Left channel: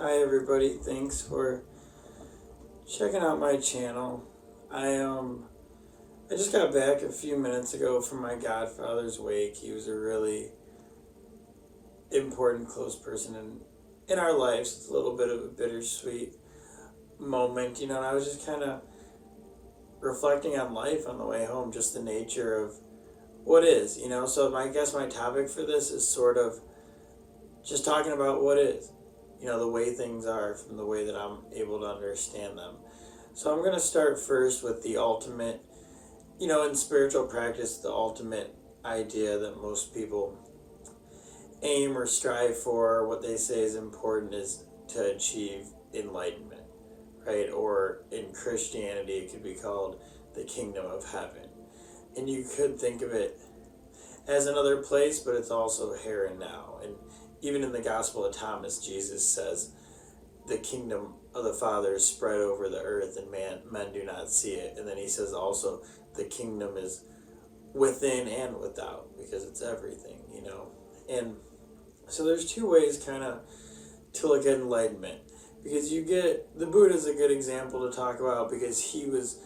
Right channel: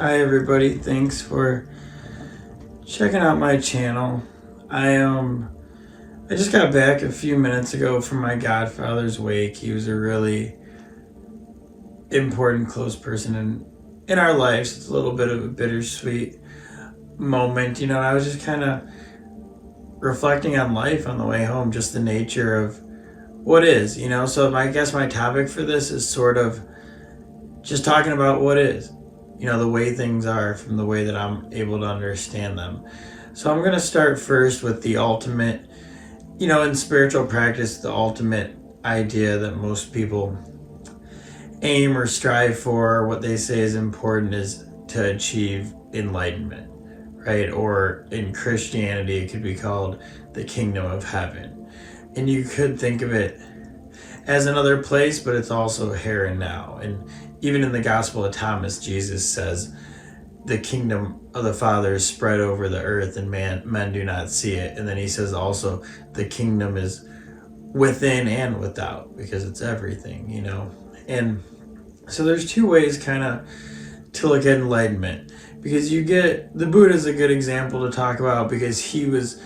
Hi everybody, thanks for checking out my channel. I just got back a few minutes ago from my godfather's wake. He was a really important, close person in our lives. It's a little bit of a bittersweet moment, and I was just kind of reflecting on life on the way home, just the nature of what is, so I guess my topic for this is sort of just talking about what is, the way things are from the way that I'm able to understand them. So I'm going to start first with the ultimate, in spiritual practice, the ultimate idea that most people aim or strive for, what they say is important, is to achieve enlightenment, right? Or in Christianity, it could be called the kingdom of heaven. And you could think of it as another place, but it's also here and now. And even in the Gospel of Thomas, Jesus says, the kingdom of the Father is spread over the earth and men do not see it. And then he says also, the kingdom is within and without, because it's everything, And so there's two ways kind of to look at enlightenment, because you get, the Buddha is a good example to talk about, because he was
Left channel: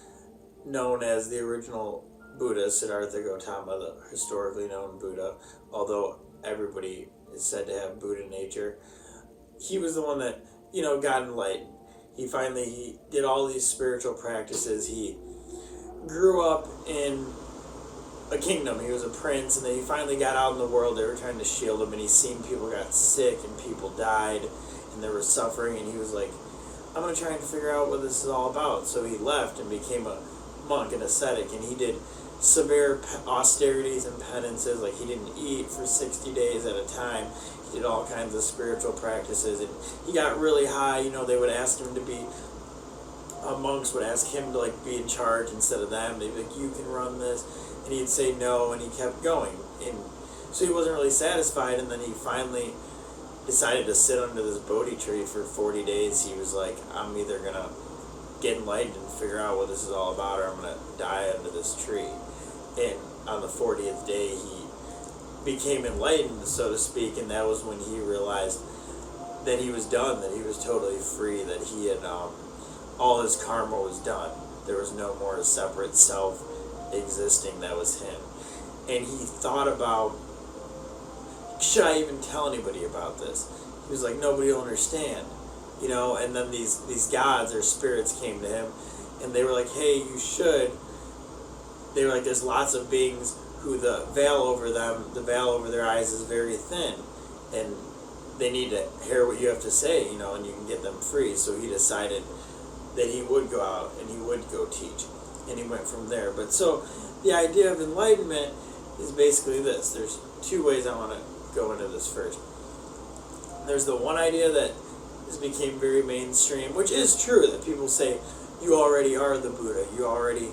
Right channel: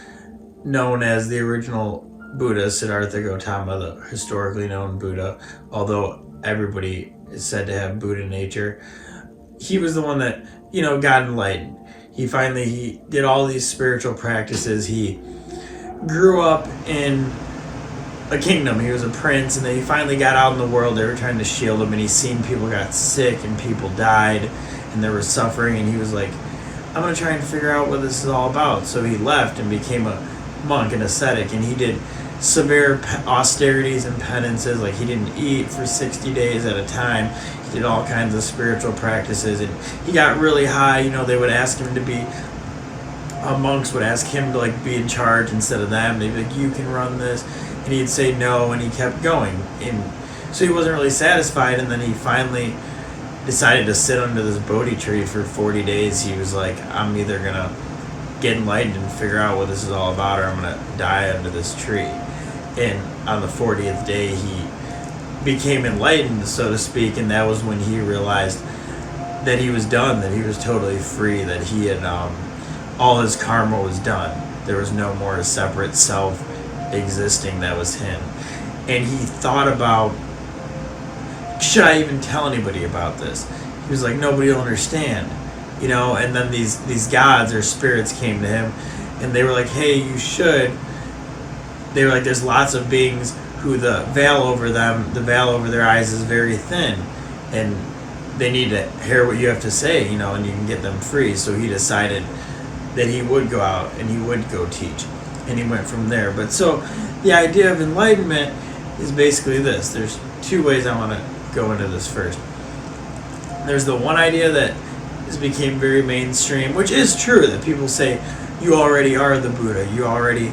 known as the original Buddah Siddhartha Gotama, the historically known Buddha, although everybody is said to have Buddha nature. He was the one that, got enlightened. He did all these spiritual practices. He grew up in a kingdom. He was a prince, and then he finally got out in the world. They were trying to shield him, and he's seen people got sick and people died and there was suffering, and he was like, I'm going to try and figure out what this is all about. So he left and became a monk, an ascetic, and he did severe austerities and penances. Like, he didn't eat for 60 days at a time. He did all kinds of spiritual practices, and he got really high. They would ask him to be, monks would ask him to be in charge instead of them. They'd be like, you can run this, and he'd say no, and he kept going. And so he wasn't really satisfied, and then he finally decided to sit under this Bodhi tree for 40 days. He was like, I'm either gonna get enlightened and figure out what this is all about, or I'm gonna die under this tree. And on the 40th day, he became enlightened, so to speak, and that was when he realized that he was done, that he was totally free, that he had, all his karma was done. There was no more separate self existing. That was him. And he thought about, should I even tell anybody about this? He was like, nobody will understand, and then these gods or spirits came to him, and they were like, hey, you should. They were like, there's lots of beings who the veil over their eyes is very thin, and they need to hear what you have to say, and you can get them free. So he decided that he would go out and he would go teach, and he went from there. But so the idea of enlightenment is basically this. There's two ways I want to go into this first. There's the one idea that became very mainstream, which is true, that people say you already are the Buddha, you already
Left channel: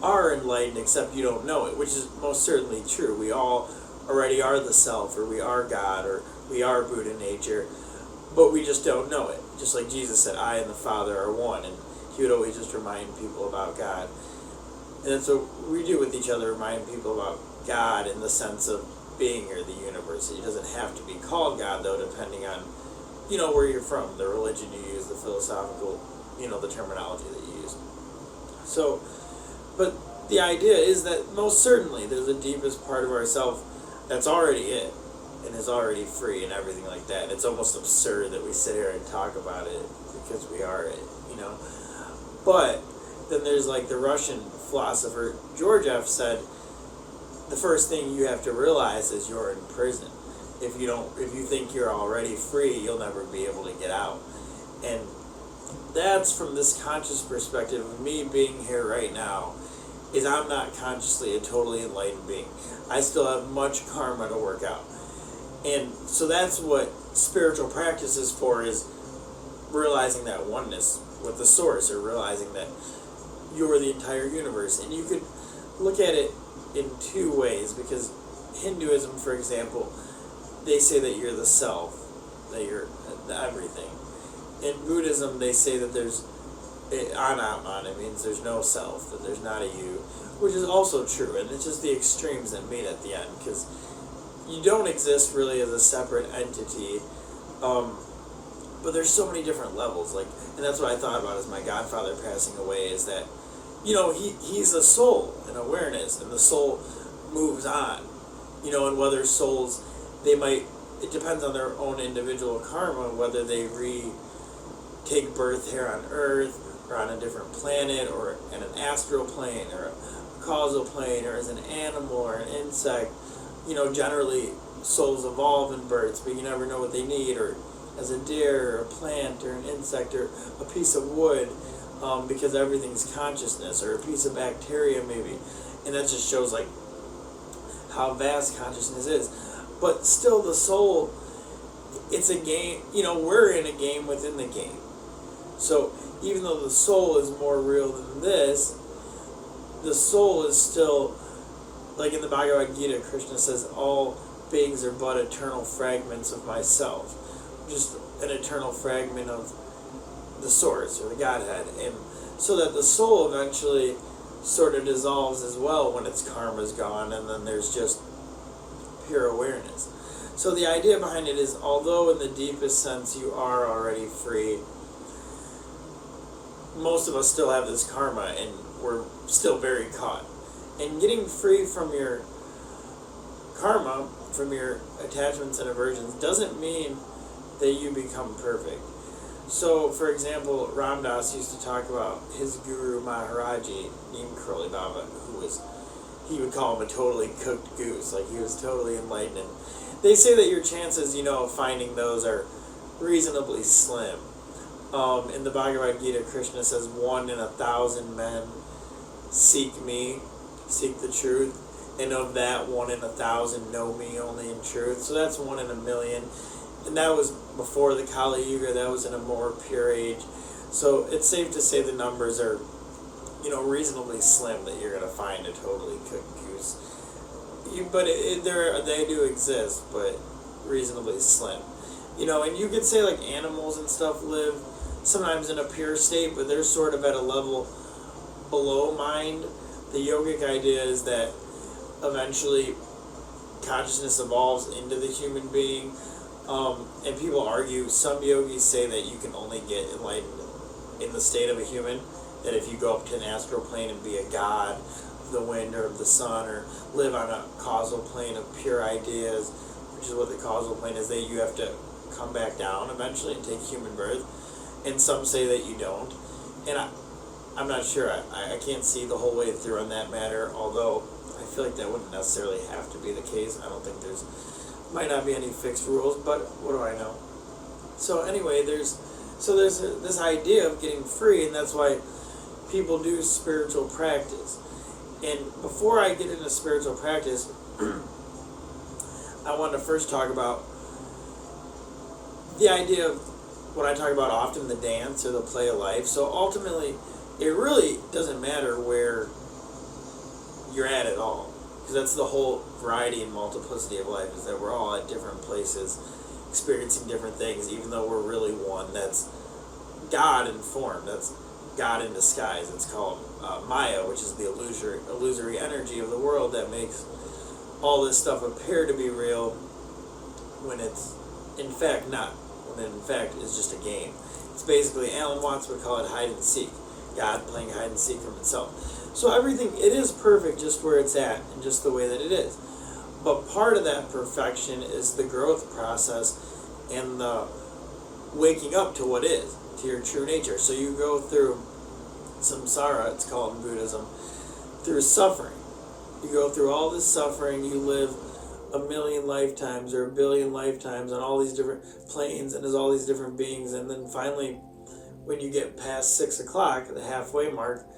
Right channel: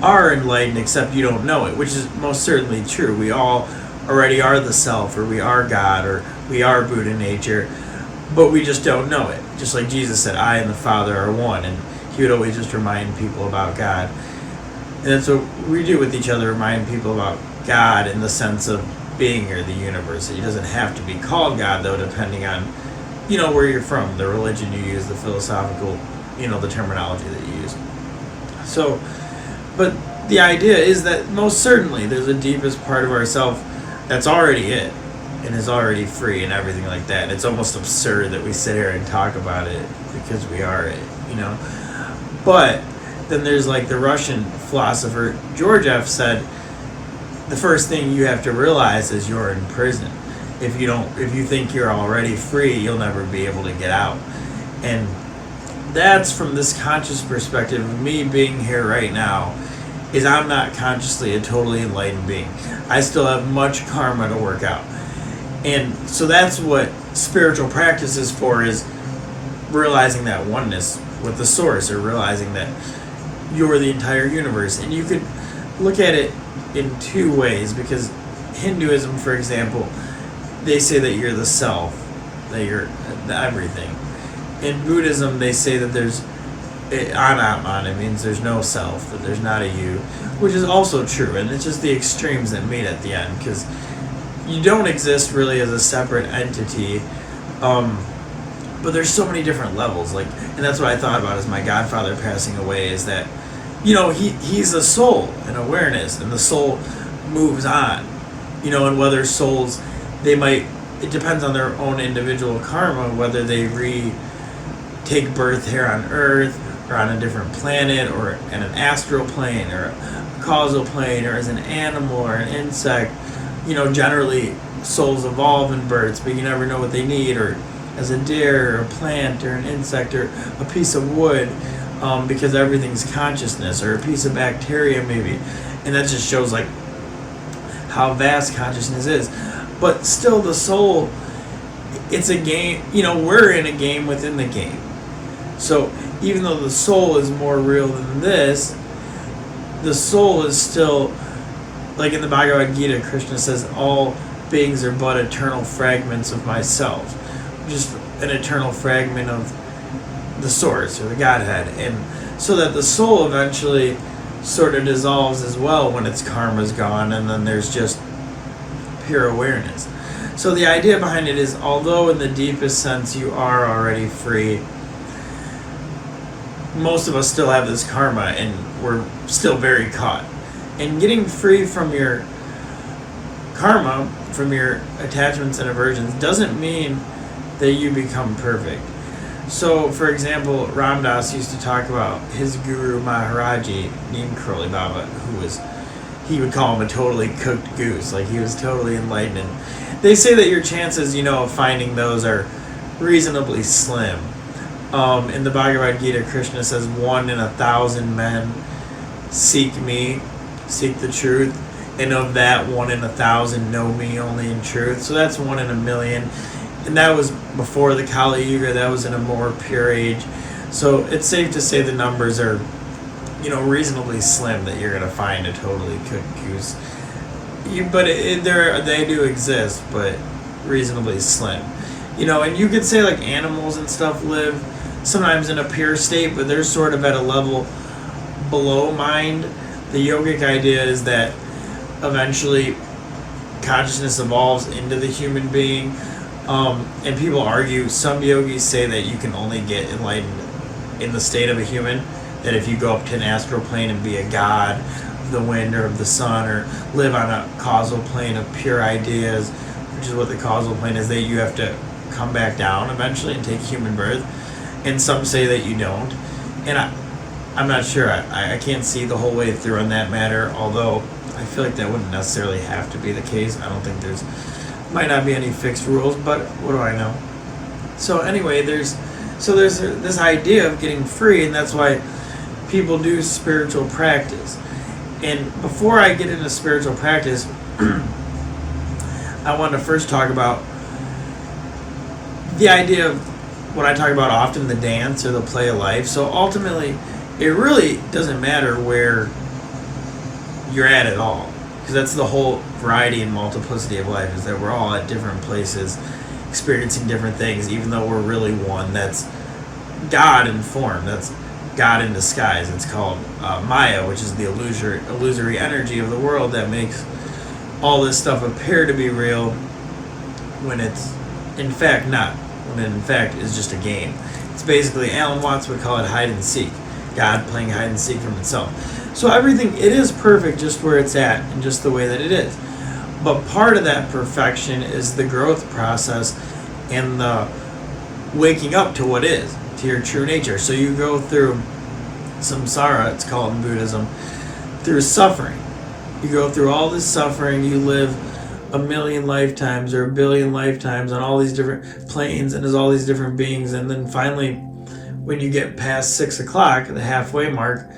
are enlightened, except you don't know it, which is most certainly true. We all already are the self, or we are God, or we are Buddha nature, but we just don't know it. Just like Jesus said, I and the Father are one, and he would always just remind people about God. And that's what we do with each other, remind people about God in the sense of being here, the universe. He doesn't have to be called God, though, depending on, where you're from, the religion you use, the philosophical, the terminology that you use. So, but the idea is that most certainly there's a deepest part of ourself that's already it, and is already free and everything like that. And it's almost absurd that we sit here and talk about it, because we are it, But then there's the Russian philosopher Georgiev said, the first thing you have to realize is you're in prison. If you think you're already free, you'll never be able to get out. And that's from this conscious perspective of me being here right now, is I'm not consciously a totally enlightened being. I still have much karma to work out. And so that's what spiritual practice is for, is realizing that oneness with the source, or realizing that you're the entire universe. And you could look at it in two ways, because Hinduism, for example, they say that you're the self, that you're the everything. In Buddhism, they say that there's Anatman, it means there's no self, that there's not a you, which is also true, and it's just the extremes that meet at the end, because you don't exist really as a separate entity, But there's so many different levels, like, and that's what I thought about as my godfather passing away, is that, you know, he's a soul and awareness, and the soul moves on, you know, and whether souls, it depends on their own individual karma, whether they take birth here on Earth, or on a different planet, or in an astral plane, or a causal plane, or as an animal or an insect. You know, generally souls evolve in births, but you never know what they need, or as a deer, or a plant, or an insect, or a piece of wood, because everything's consciousness, or a piece of bacteria maybe. And that just shows like how vast consciousness is. But still, the soul, it's a game. You know, we're in a game within the game. So even though the soul is more real than this, the soul is still, like in the Bhagavad Gita, Krishna says, all beings are but eternal fragments of myself. Just an eternal fragment of the source, or the Godhead. And so that the soul eventually sort of dissolves as well when its karma's gone, and then there's just pure awareness. So the idea behind it is, although in the deepest sense you are already free, most of us still have this karma, and we're still very caught. And getting free from your karma, from your attachments and aversions, doesn't mean that you become perfect. So, for example, Ram Dass used to talk about his guru Maharaji, Neem Karoli Baba, he would call him a totally cooked goose, like he was totally enlightened. And they say that your chances, you know, of finding those are reasonably slim. In the Bhagavad Gita, Krishna says 1 in 1,000 men seek me, seek the truth, and of that 1 in 1,000 know me only in truth. So that's 1 in a million. And that was before the Kali Yuga. That was in a more pure age. So it's safe to say the numbers are, you know, reasonably slim that you're going to find a totally cooked goose. They do exist, but reasonably slim. You know, and you could say like animals and stuff live sometimes in a pure state, but they're sort of at a level below mind. The yogic idea is that eventually consciousness evolves into the human being. And people argue, some yogis say that you can only get enlightened in the state of a human, that if you go up to an astral plane and be a god of the wind or of the sun, or live on a causal plane of pure ideas, which is what the causal plane is, that you have to come back down eventually and take human birth. And some say that you don't. And I'm not sure. I can't see the whole way through on that matter, although I feel like that wouldn't necessarily have to be the case. I don't think might not be any fixed rules, but what do I know? So anyway, there's this idea of getting free, and that's why people do spiritual practice. And before I get into spiritual practice, I want to first talk about the idea of what I talk about often, the dance or the play of life. So ultimately, it really doesn't matter where you're at all, because that's the whole variety and multiplicity of life, is that we're all at different places experiencing different things, even though we're really one. That's God in form. That's God in disguise. It's called Maya, which is the illusory energy of the world that makes all this stuff appear to be real when it's in fact not, when it in fact is just a game. It's basically, Alan Watts would call it hide and seek, God playing hide and seek from itself. So everything, it is perfect just where it's at and just the way that it is. But part of that perfection is the growth process and the waking up to what is, to your true nature. So you go through samsara, it's called in Buddhism, through suffering. You go through all this suffering, you live 1,000,000 lifetimes or 1,000,000,000 lifetimes on all these different planes and as all these different beings, and then finally when you get past 6 o'clock, the halfway mark,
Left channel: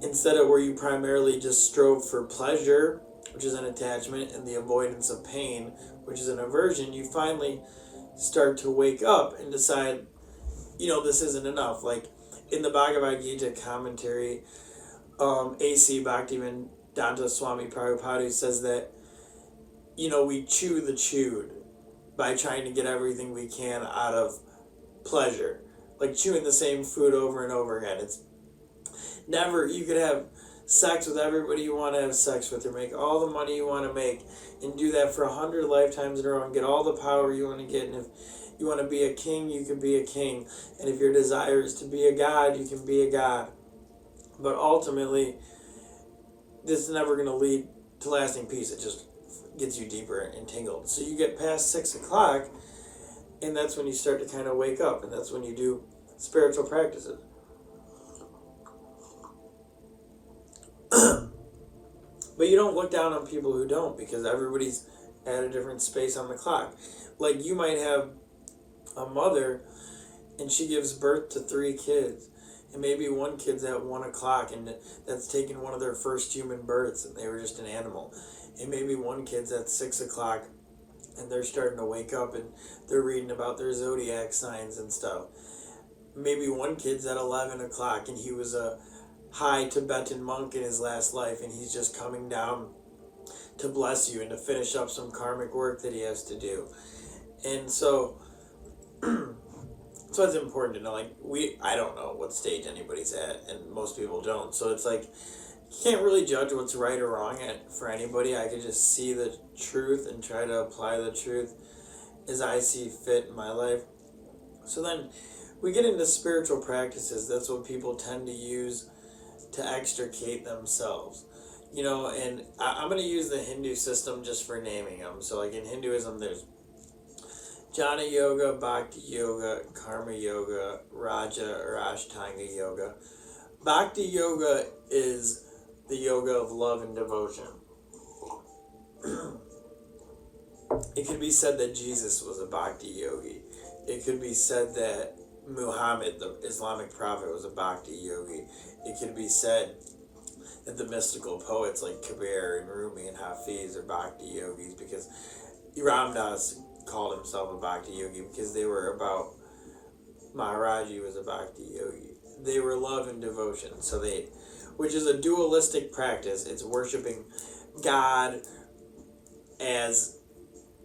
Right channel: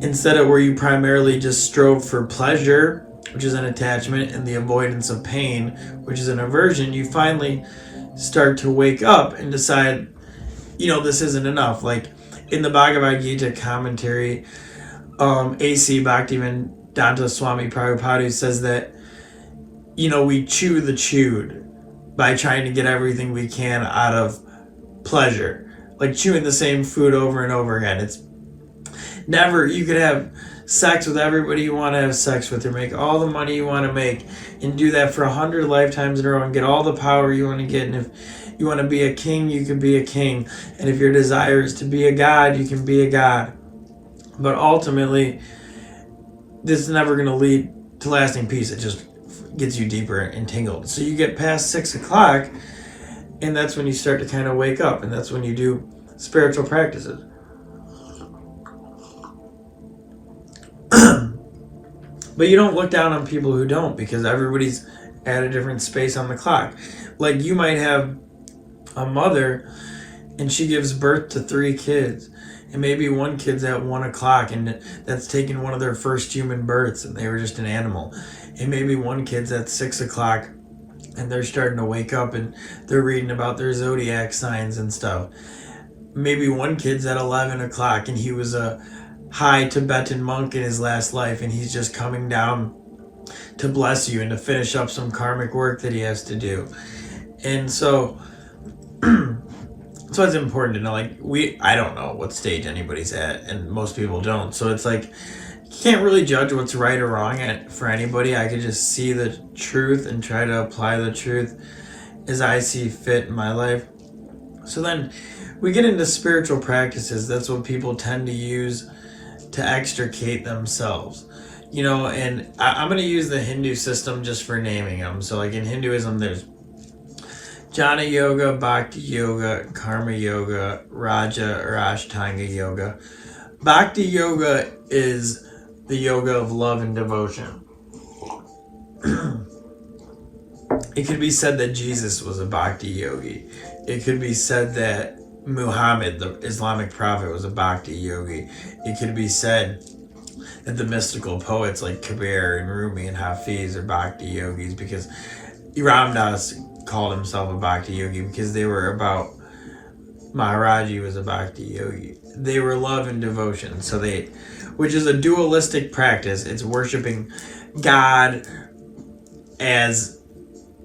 instead of where you primarily just strove for pleasure, which is an attachment, and the avoidance of pain, which is an aversion, you finally start to wake up and decide, this isn't enough. Like in the Bhagavad Gita commentary, A.C. Bhaktivedanta Swami Prabhupada says that, we chew the chewed by trying to get everything we can out of pleasure. Like chewing the same food over and over again. It's never, you could have sex with everybody you want to have sex with, or make all the money you want to make, and do that for 100 lifetimes in a row and get all the power you want to get. And You want to be a king, you can be a king. And if your desire is to be a god, you can be a god. But ultimately, this is never going to lead to lasting peace. It just gets you deeper entangled. So you get past 6 o'clock, and that's when you start to kind of wake up, and that's when you do spiritual practices. But you don't look down on people who don't, because everybody's at a different space on the clock. Like, you might have a mother and she gives birth to 3 kids, and maybe one kid's at 1 o'clock and that's taking one of their first human births and they were just an animal. And maybe one kid's at 6 o'clock and they're starting to wake up and they're reading about their zodiac signs and stuff. Maybe one kid's at 11 o'clock and he was a high Tibetan monk in his last life and he's just coming down to bless you and to finish up some karmic work that he has to do. And so it's important to know, like, I don't know what stage anybody's at, and most people don't. So it's like, you can't really judge what's right or wrong for anybody. I could just see the truth and try to apply the truth as I see fit in my life. So then we get into spiritual practices. That's what people tend to use to extricate themselves. You know, and I'm going to use the Hindu system just for naming them. So like in Hinduism, there's Jnana Yoga, Bhakti Yoga, Karma Yoga, Raja or Ashtanga Yoga. Bhakti Yoga is the yoga of love and devotion. It could be said that Jesus was a Bhakti yogi. It could be said that Muhammad, the Islamic prophet, was a Bhakti yogi. It could be said that the mystical poets like Kabir and Rumi and Hafiz are Bhakti yogis, because Ram Dass called himself a Bhakti yogi because they were about, Maharaji was a Bhakti yogi. They were love and devotion. Which is a dualistic practice. It's worshiping God as,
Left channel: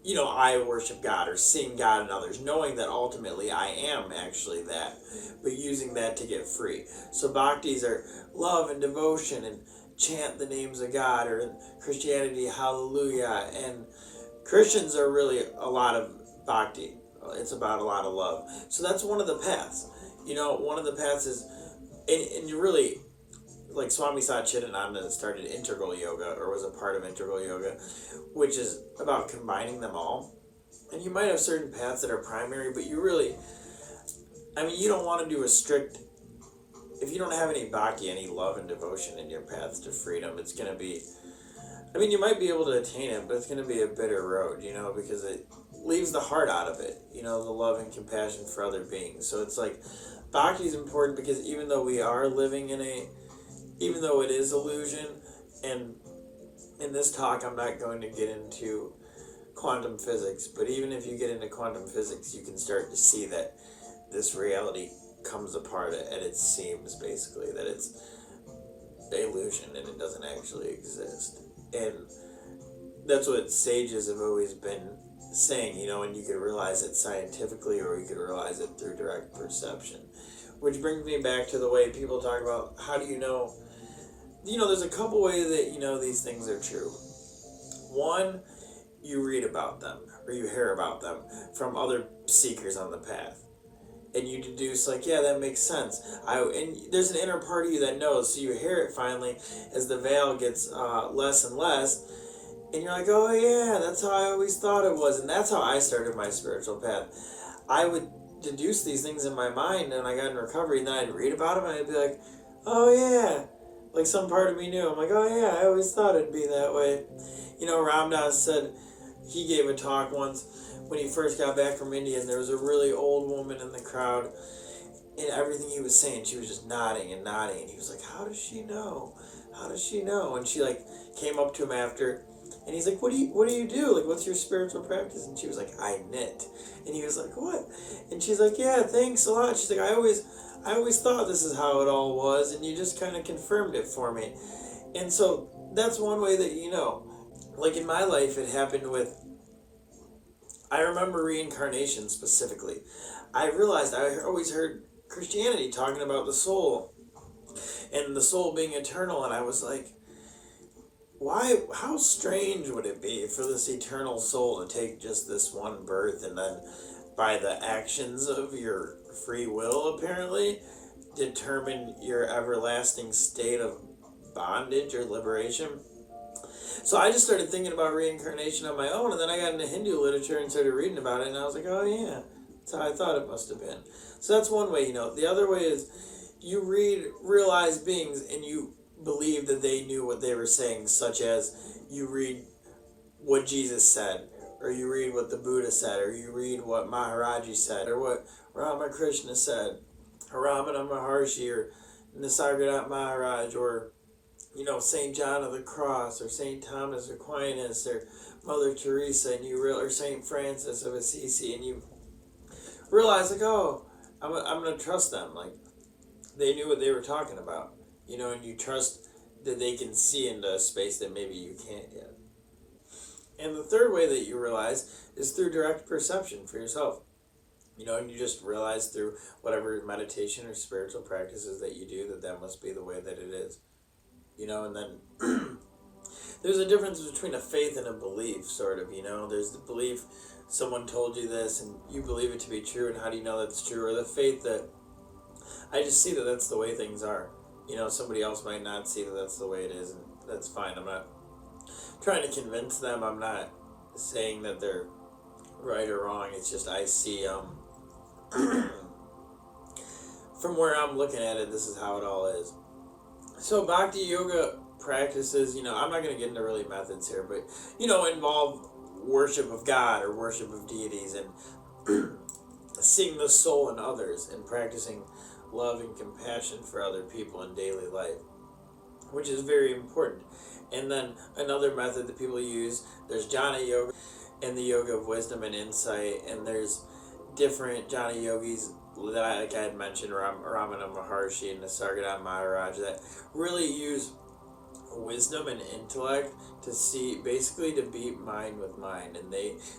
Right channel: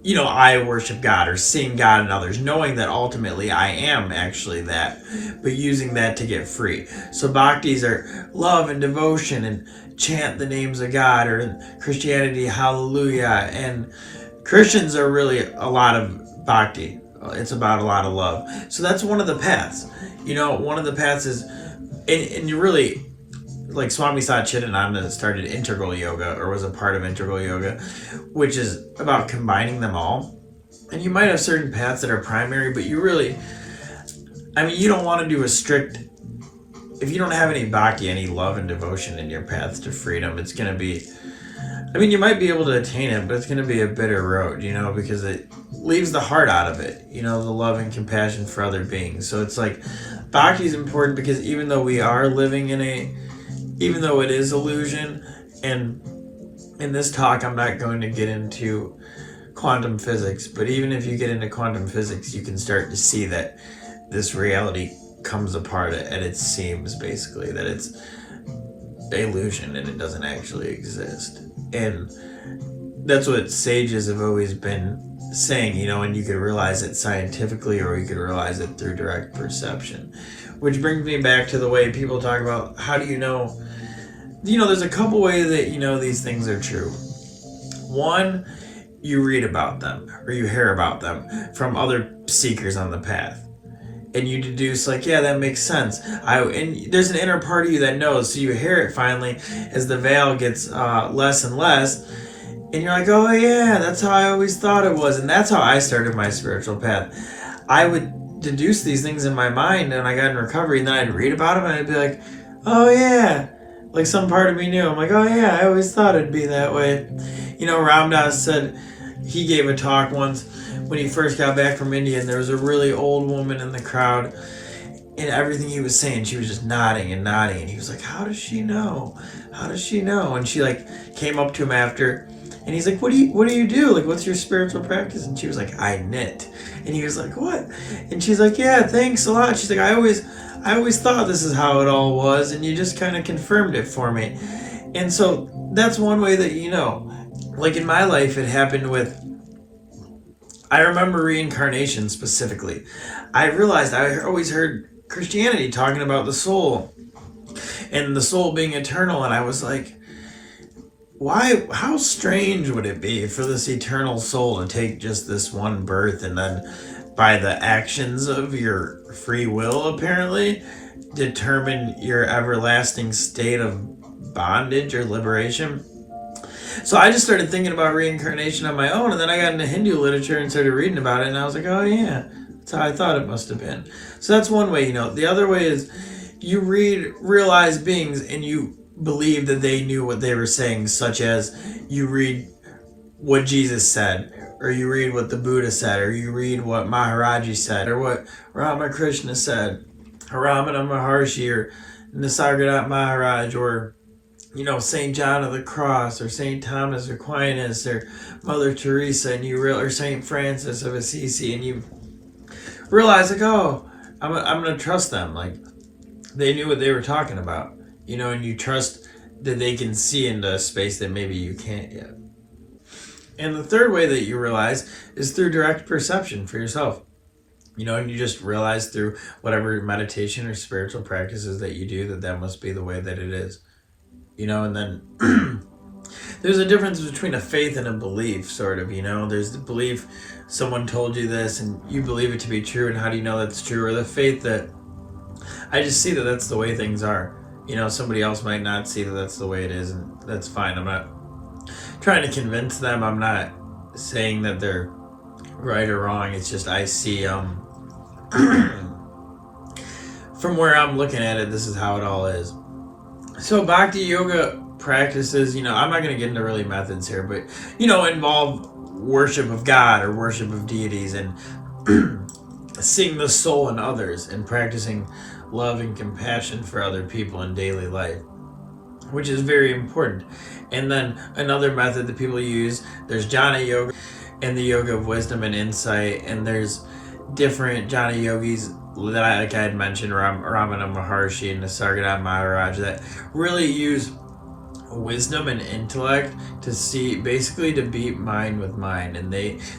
you know, I worship God, or seeing God in others, knowing that ultimately I am actually that, but using that to get free. So bhaktis are love and devotion and chant the names of God, or in Christianity, hallelujah. And Christians are really a lot of bhakti. It's about a lot of love. So that's one of the paths. You know, one of the paths is, and you really, like Swami Satchidananda started integral yoga, or was a part of integral yoga, which is about combining them all. And you might have certain paths that are primary, but you really, I mean, you don't want to do a strict, if you don't have any bhakti, any love and devotion in your paths to freedom, it's going to be, I mean, you might be able to attain it, but it's going to be a bitter road, you know, because it leaves the heart out of it, you know, the love and compassion for other beings. So it's like, bhakti is important because even though we are living even though it is illusion, and in this talk I'm not going to get into quantum physics, but even if you get into quantum physics, you can start to see that this reality comes apart at its seams, basically, that it's illusion and it doesn't actually exist. And that's what sages have always been saying, you know, and you could realize it scientifically, or you could realize it through direct perception. Which brings me back to the way people talk about, how do you know? You know, there's a couple ways that you know these things are true. One, you read about them, or you hear about them from other seekers on the path, and you deduce, like, yeah, that makes sense. And there's an inner part of you that knows, so you hear it finally as the veil gets less and less, and you're like, oh yeah, that's how I always thought it was. And that's how I started my spiritual path. I would deduce these things in my mind, and I got in recovery, and then I'd read about them, and I'd be like, oh yeah, like some part of me knew. I'm like, oh yeah, I always thought it'd be that way. You know, Ram Dass said, he gave a talk once when he first got back from India, and there was a really old woman in the crowd, and everything he was saying, she was just nodding and nodding, and he was like, how does she know? How does she know? And she like came up to him after, and he's like, what do you do? Like, what's your spiritual practice? And she was like, I knit. And he was like, what? And she's like, yeah, thanks a lot. She's like, I always thought this is how it all was, and you just kind of confirmed it for me. And so that's one way that you know. Like in my life, it happened with, I remember reincarnation specifically. I realized I always heard Christianity talking about the soul and the soul being eternal, and I was like, how strange would it be for this eternal soul to take just this one birth and then by the actions of your free will, apparently, determine your everlasting state of bondage or liberation. So I just started thinking about reincarnation on my own, and then I got into Hindu literature and started reading about it, and I was like, oh yeah, that's how I thought it must have been. So that's one way, The other way is you read realized beings and you believe that they knew what they were saying, such as you read what Jesus said, or you read what the Buddha said, or you read what Maharaji said, or what Ramakrishna said, or Ramana Maharshi, or Nisargadatta Maharaj, or St. John of the Cross, or St. Thomas Aquinas, or Mother Teresa, and or St. Francis of Assisi, and you realize, like, oh, I'm going to trust them. Like, they knew what they were talking about, and you trust that they can see into a space that maybe you can't yet. And the third way that you realize is through direct perception for yourself. And you just realize through whatever meditation or spiritual practices that you do that must be the way that it is. And then there's a difference between a faith and a belief, sort of, There's the belief someone told you this and you believe it to be true, and how do you know that's true? Or the faith that I just see that that's the way things are. Somebody else might not see that that's the way it is, and that's fine. I'm not trying to convince them. I'm not saying that they're right or wrong. It's just I see from where I'm looking at it, this is how it all is. So Bhakti yoga practices, I'm not going to get into really methods here, but, involve worship of God or worship of deities, and seeing the soul in others, and practicing love and compassion for other people in daily life, which is very important. And then another method that people use, there's jnana yoga and the yoga of wisdom and insight, and there's different jnana yogis that I had mentioned, Ramana Maharshi and Nisargadatta Maharaj, that really use wisdom and intellect to see, basically to beat mind with mind. And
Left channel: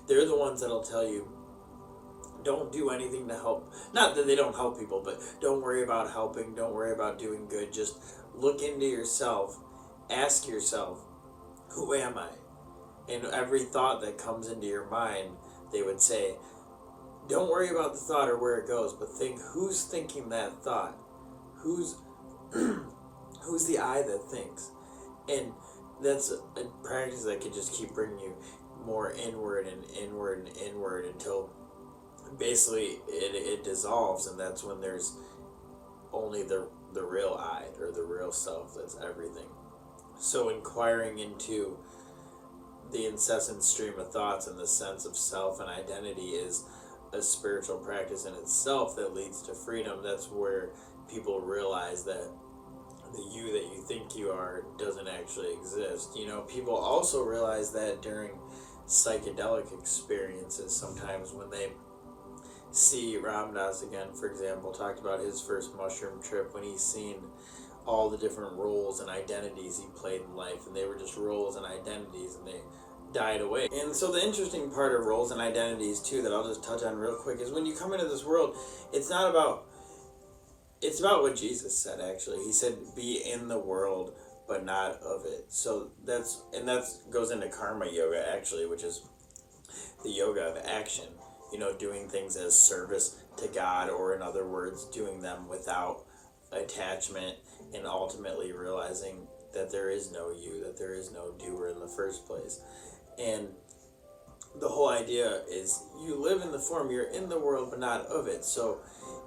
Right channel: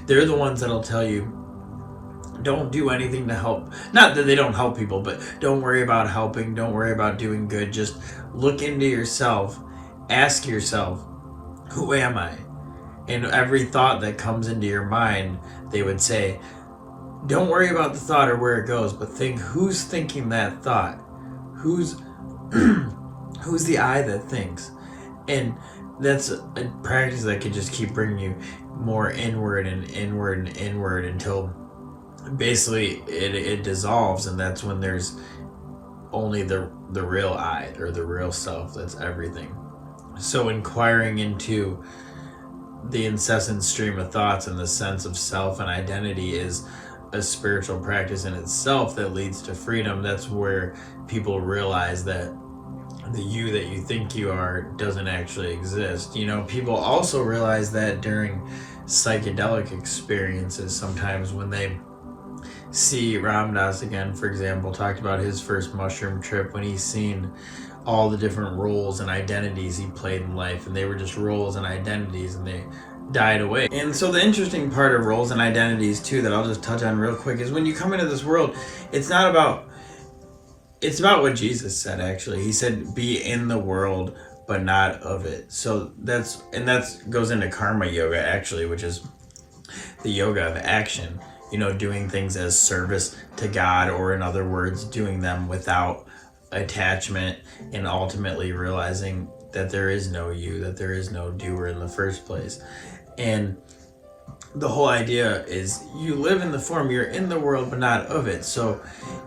they're the ones that'll tell you, don't do anything to help. Not that they don't help people, but don't worry about helping. Don't worry about doing good. Just look into yourself. Ask yourself, who am I? And every thought that comes into your mind, they would say, don't worry about the thought or where it goes, but think, who's thinking that thought? Who's the I that thinks? And that's a practice that can just keep bringing you more inward and inward and inward until basically it dissolves, and that's when there's only the real I, or the real self. That's everything. So inquiring into the incessant stream of thoughts and the sense of self and identity is a spiritual practice in itself that leads to freedom. That's where people realize that the you that you think you are doesn't actually exist. People also realize that during psychedelic experiences, sometimes when they see Ram Dass, again, for example, talked about his first mushroom trip, when he's seen all the different roles and identities he played in life, and they were just roles and identities, and they died away. And so the interesting part of roles and identities too, that I'll just touch on real quick, is when you come into this world, it's about what Jesus said. Actually, he said, be in the world but not of it. So that goes into karma yoga, actually, which is the yoga of action, doing things as service to God, or in other words, doing them without attachment, and ultimately realizing that there is no you, that there is no doer in the first place. And the whole idea is you live in the form, you're in the world but not of it. So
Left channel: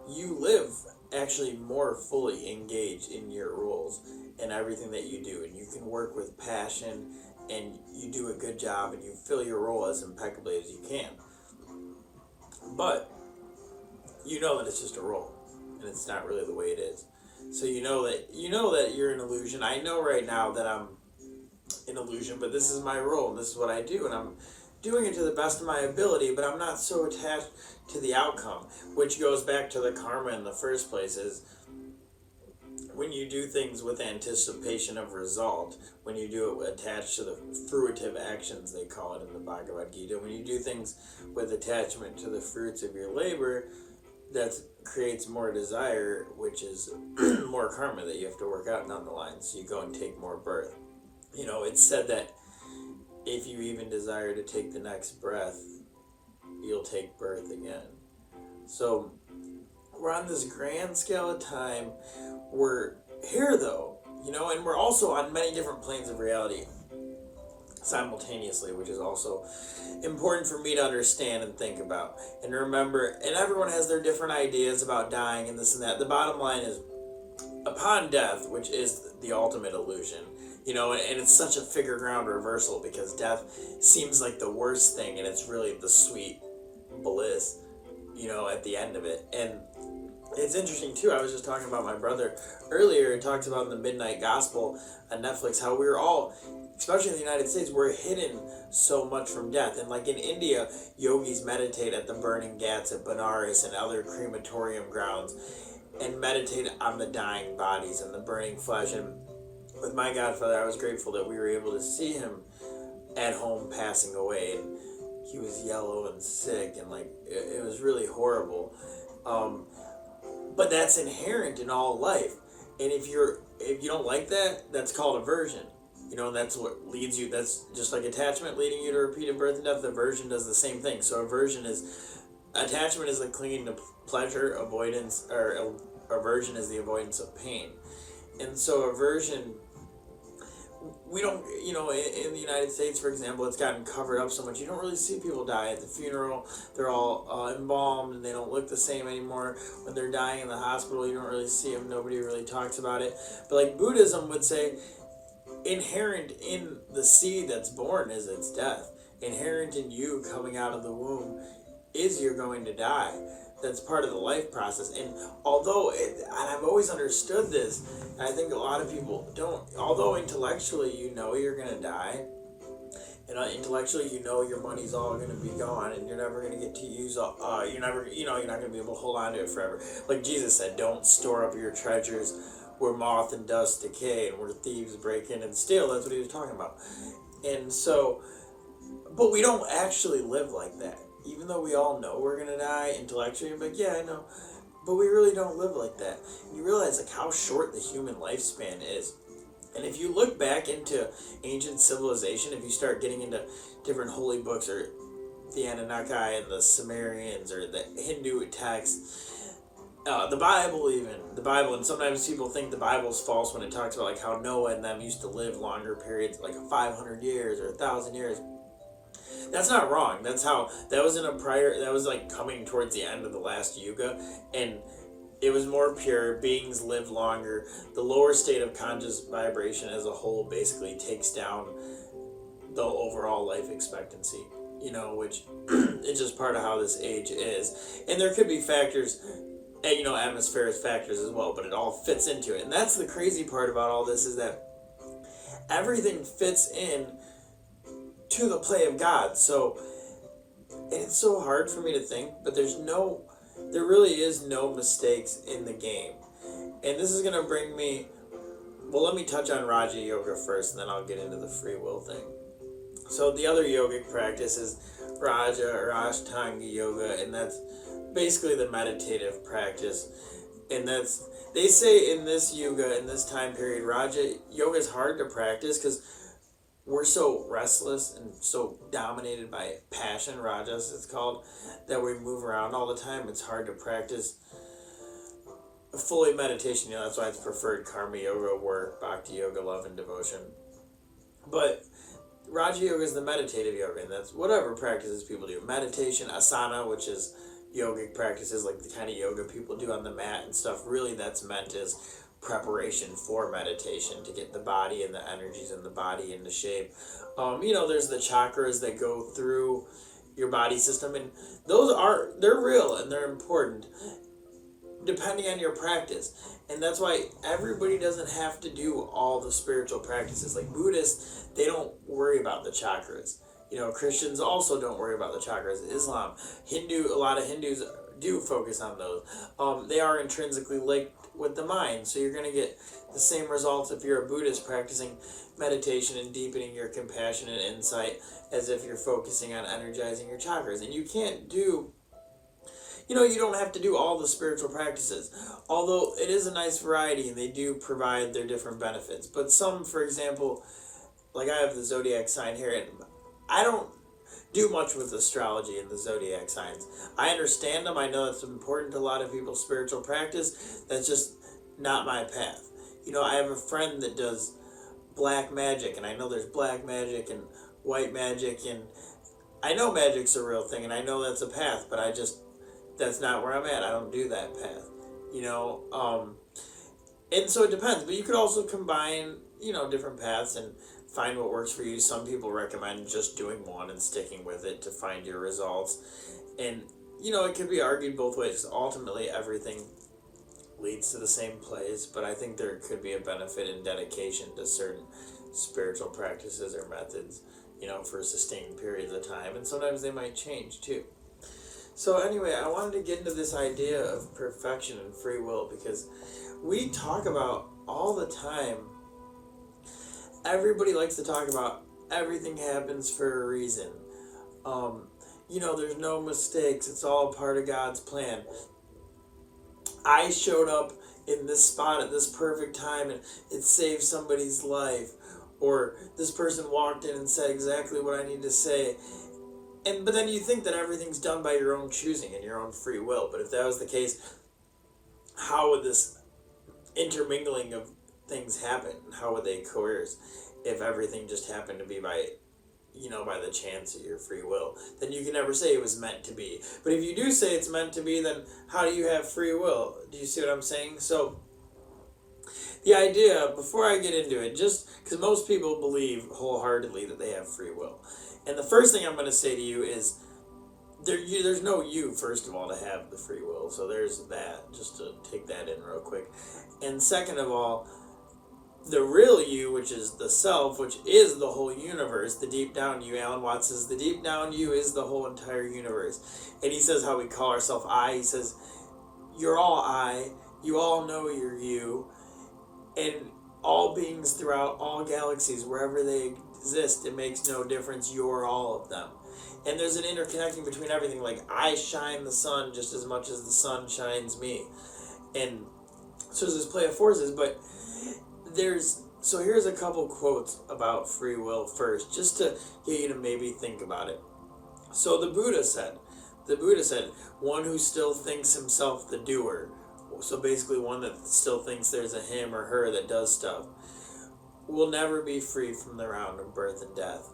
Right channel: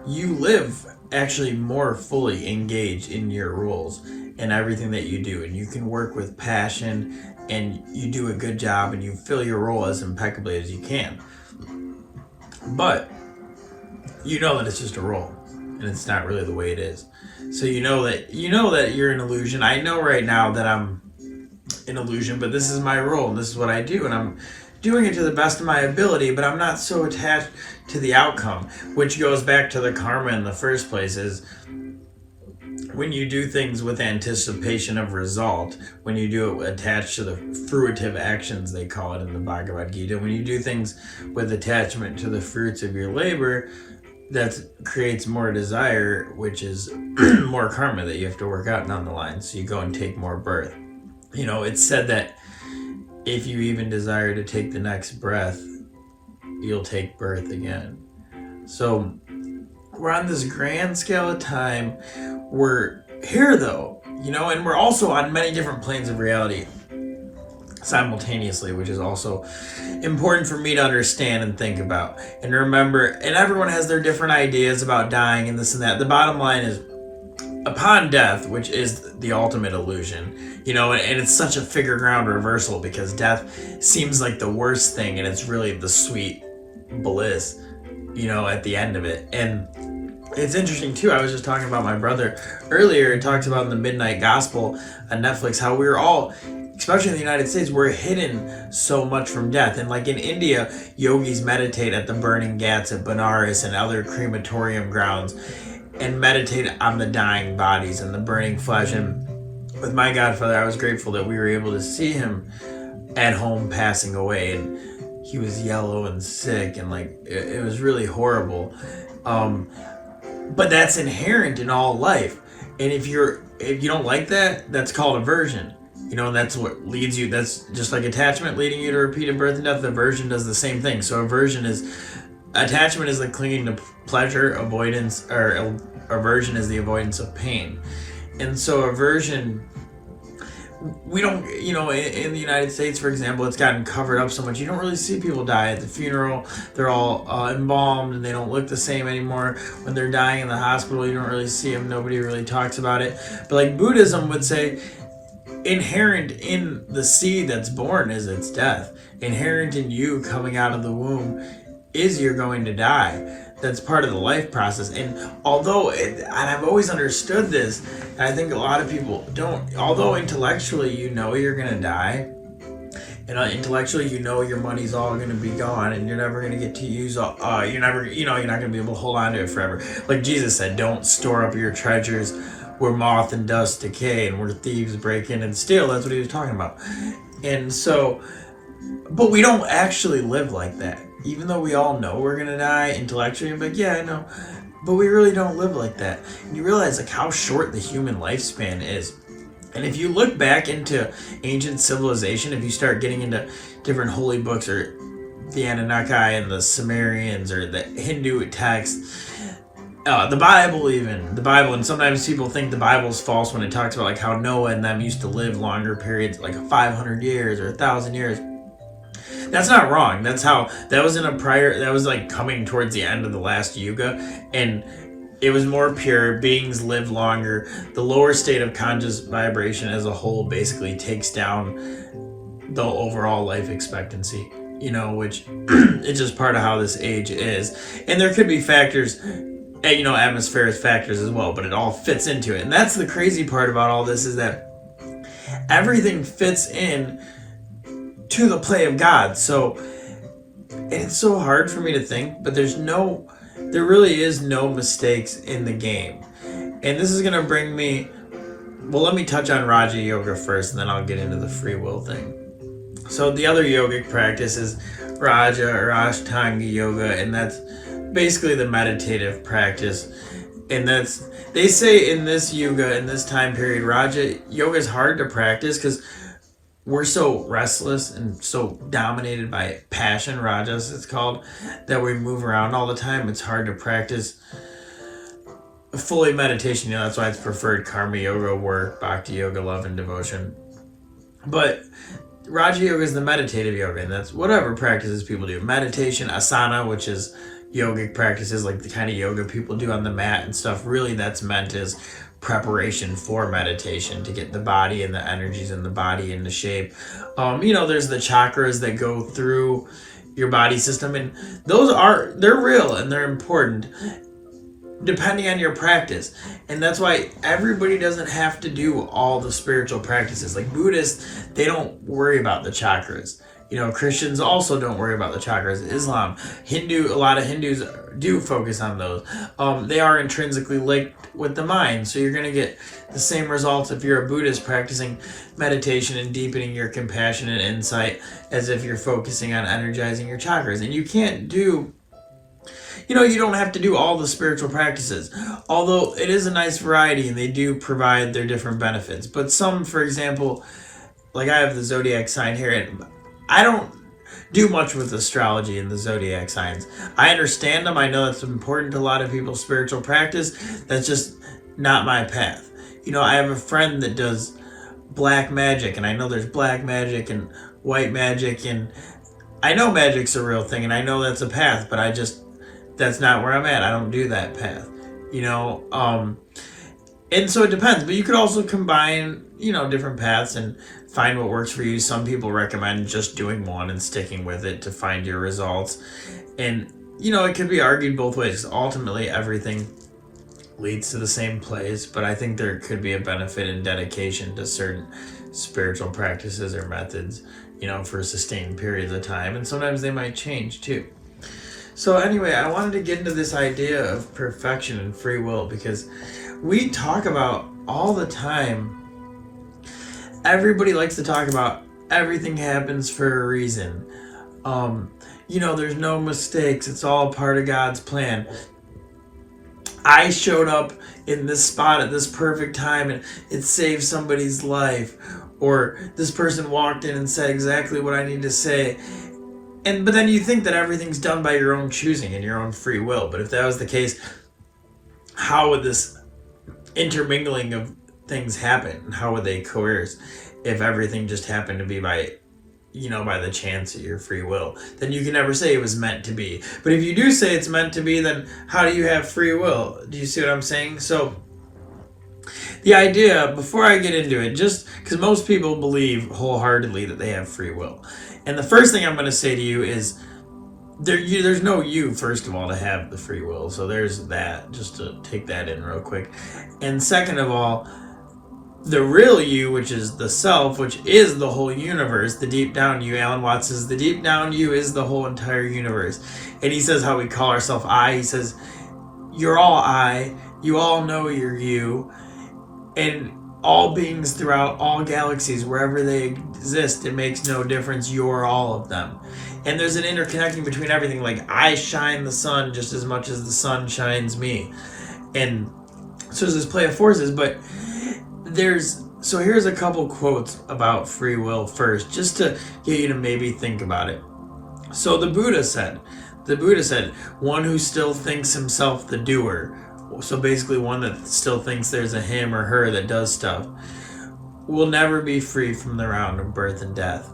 you live actually more fully engaged in your roles and everything that you do, and you can work with passion, and you do a good job, and you fill your role as impeccably as you can. But that it's just a role, and it's not really the way it is. So you know that you're an illusion. I know right now that I'm an illusion, but this is my role, and this is what I do, and I'm doing it to the best of my ability, but I'm not so attached to the outcome, which goes back to the karma in the first place. Is when you do things with anticipation of result, when you do it attached to the fruitive actions, they call it in the Bhagavad Gita, when you do things with attachment to the fruits of your labor, that creates more desire, which is more karma that you have to work out down the line. So you go and take more birth. It's said that if you even desire to take the next breath, you'll take birth again. So we're on this grand scale of time. We're here though, and we're also on many different planes of reality simultaneously, which is also important for me to understand and think about and remember. And everyone has their different ideas about dying and this and that. The bottom line is, upon death, which is the ultimate illusion, and it's such a figure ground reversal, because death seems like the worst thing and it's really the sweet bliss, at the end of it. And it's interesting too, I was just talking about my brother earlier. It talks about in the Midnight Gospel on Netflix how we're all, especially in the United States, we're hidden so much from death. And like in India, yogis meditate at the burning ghats at Benares and other crematorium grounds and meditate on the dying bodies and the burning flesh. And with my godfather, I was grateful that we were able to see him at home passing away, and he was yellow and sick, and like it was really horrible. But that's inherent in all life. And if you don't like that, that's called aversion. And that's what leads you. That's just like attachment leading you to repeated birth and death. Aversion does the same thing. So attachment is like clinging to pleasure, avoidance, or aversion is the avoidance of pain. And so aversion, we don't, in the United States, for example, it's gotten covered up so much. You don't really see people die at the funeral. They're all embalmed and they don't look the same anymore. When they're dying in the hospital, you don't really see them. Nobody really talks about it. But like Buddhism would say, inherent in the seed that's born is its death. Inherent in you coming out of the womb is you're going to die. That's part of the life process. And and I've always understood this, and I think a lot of people don't, although intellectually you're going to die, and intellectually your money's all going to be gone and you're never going to get to use you're not going to be able to hold on to it forever. Like Jesus said, don't store up your treasures where moth and dust decay and where thieves break in and steal. That's what he was talking about. And so, but we don't actually live like that. Even though we all know we're going to die intellectually, I'm like, yeah, I know. But we really don't live like that. And you realize like how short the human lifespan is. And if you look back into ancient civilization, if you start getting into different holy books, or the Anunnaki and the Sumerians, or the Hindu texts, the Bible, and sometimes people think the Bible's false when it talks about like how Noah and them used to live longer periods, like 500 years or 1,000 years. That's not wrong. That was like coming towards the end of the last yuga, and it was more pure. Beings lived longer. The lower state of conscious vibration as a whole basically takes down the overall life expectancy, which it's just part of how this age is. And there could be factors, atmospheric factors as well, but it all fits into it. And that's the crazy part about all this, is that everything fits in to the play of God. So it's so hard for me to think, but there really is no mistakes in the game. And this is going to bring me, let me touch on Raja Yoga first, and then I'll get into the free will thing. So the other yogic practice is Raja or Ashtanga Yoga, and that's basically the meditative practice. And they say in this yuga, in this time period, Raja Yoga is hard to practice because we're so restless and so dominated by passion, Rajas it's called, that we move around all the time. It's hard to practice fully meditation. That's why it's preferred karma yoga, work, bhakti yoga, love and devotion. But Raja Yoga is the meditative yoga, and that's whatever practices people do. Meditation, asana, which is yogic practices, like the kind of yoga people do on the mat and stuff. Really, that's meant as preparation for meditation, to get the body and the energies in the body into shape. There's the chakras that go through your body system, and they're real and they're important depending on your practice. And that's why everybody doesn't have to do all the spiritual practices. Like Buddhists, they don't worry about the chakras. Christians also don't worry about the chakras. Islam, a lot of Hindus do focus on those. They are intrinsically linked with the mind, so you're going to get the same results if you're a Buddhist practicing meditation and deepening your compassion and insight as if you're focusing on energizing your chakras. And you can't do, you don't have to do all the spiritual practices, although it is a nice variety and they do provide their different benefits. But some, for example, like I have the zodiac sign here, and I don't do much with astrology and the zodiac signs. I understand them. I know that's important to a lot of people's spiritual practice. That's just not my path. I have a friend that does black magic, and I know there's black magic and white magic, and I know magic's a real thing, and I know that's a path, but that's not where I'm at. I don't do that path, and so it depends, but you could also combine, different paths and find what works for you. Some people recommend just doing one and sticking with it to find your results. And, it could be argued both ways. Ultimately, everything leads to the same place, but I think there could be a benefit in dedication to certain spiritual practices or methods, for sustained periods of time. And sometimes they might change too. So anyway, I wanted to get into this idea of perfection and free will, because we talk about all the time. Everybody likes to talk about everything happens for a reason. There's no mistakes. It's all part of God's plan. I showed up in this spot at this perfect time and it saved somebody's life. Or this person walked in and said exactly what I need to say. But then you think that everything's done by your own choosing and your own free will. But if that was the case, how would this intermingling of things happen? How would they coerce if everything just happened to be by the chance of your free will? Then you can never say it was meant to be. But if you do say it's meant to be, then how do you have free will? Do you see what I'm saying? So the idea, before I get into it, just because most people believe wholeheartedly that they have free will. And the first thing I'm going to say to you is there's no you, first of all, to have the free will. So there's that, just to take that in real quick. And second of all, the real you, which is the self, which is the whole universe, the deep down you. Alan Watts says the deep down you is the whole entire universe. And he says how we call ourselves I. He says, you're all I. You all know you're you. And all beings throughout all galaxies, wherever they exist, it makes no difference. You're all of them. And there's an interconnecting between everything. Like, I shine the sun just as much as the sun shines me. And so there's this play of forces, but so here's a couple quotes about free will first, just to get you to maybe think about it. So the Buddha said, one who still thinks himself the doer, so basically one that still thinks there's a him or her that does stuff, will never be free from the round of birth and death.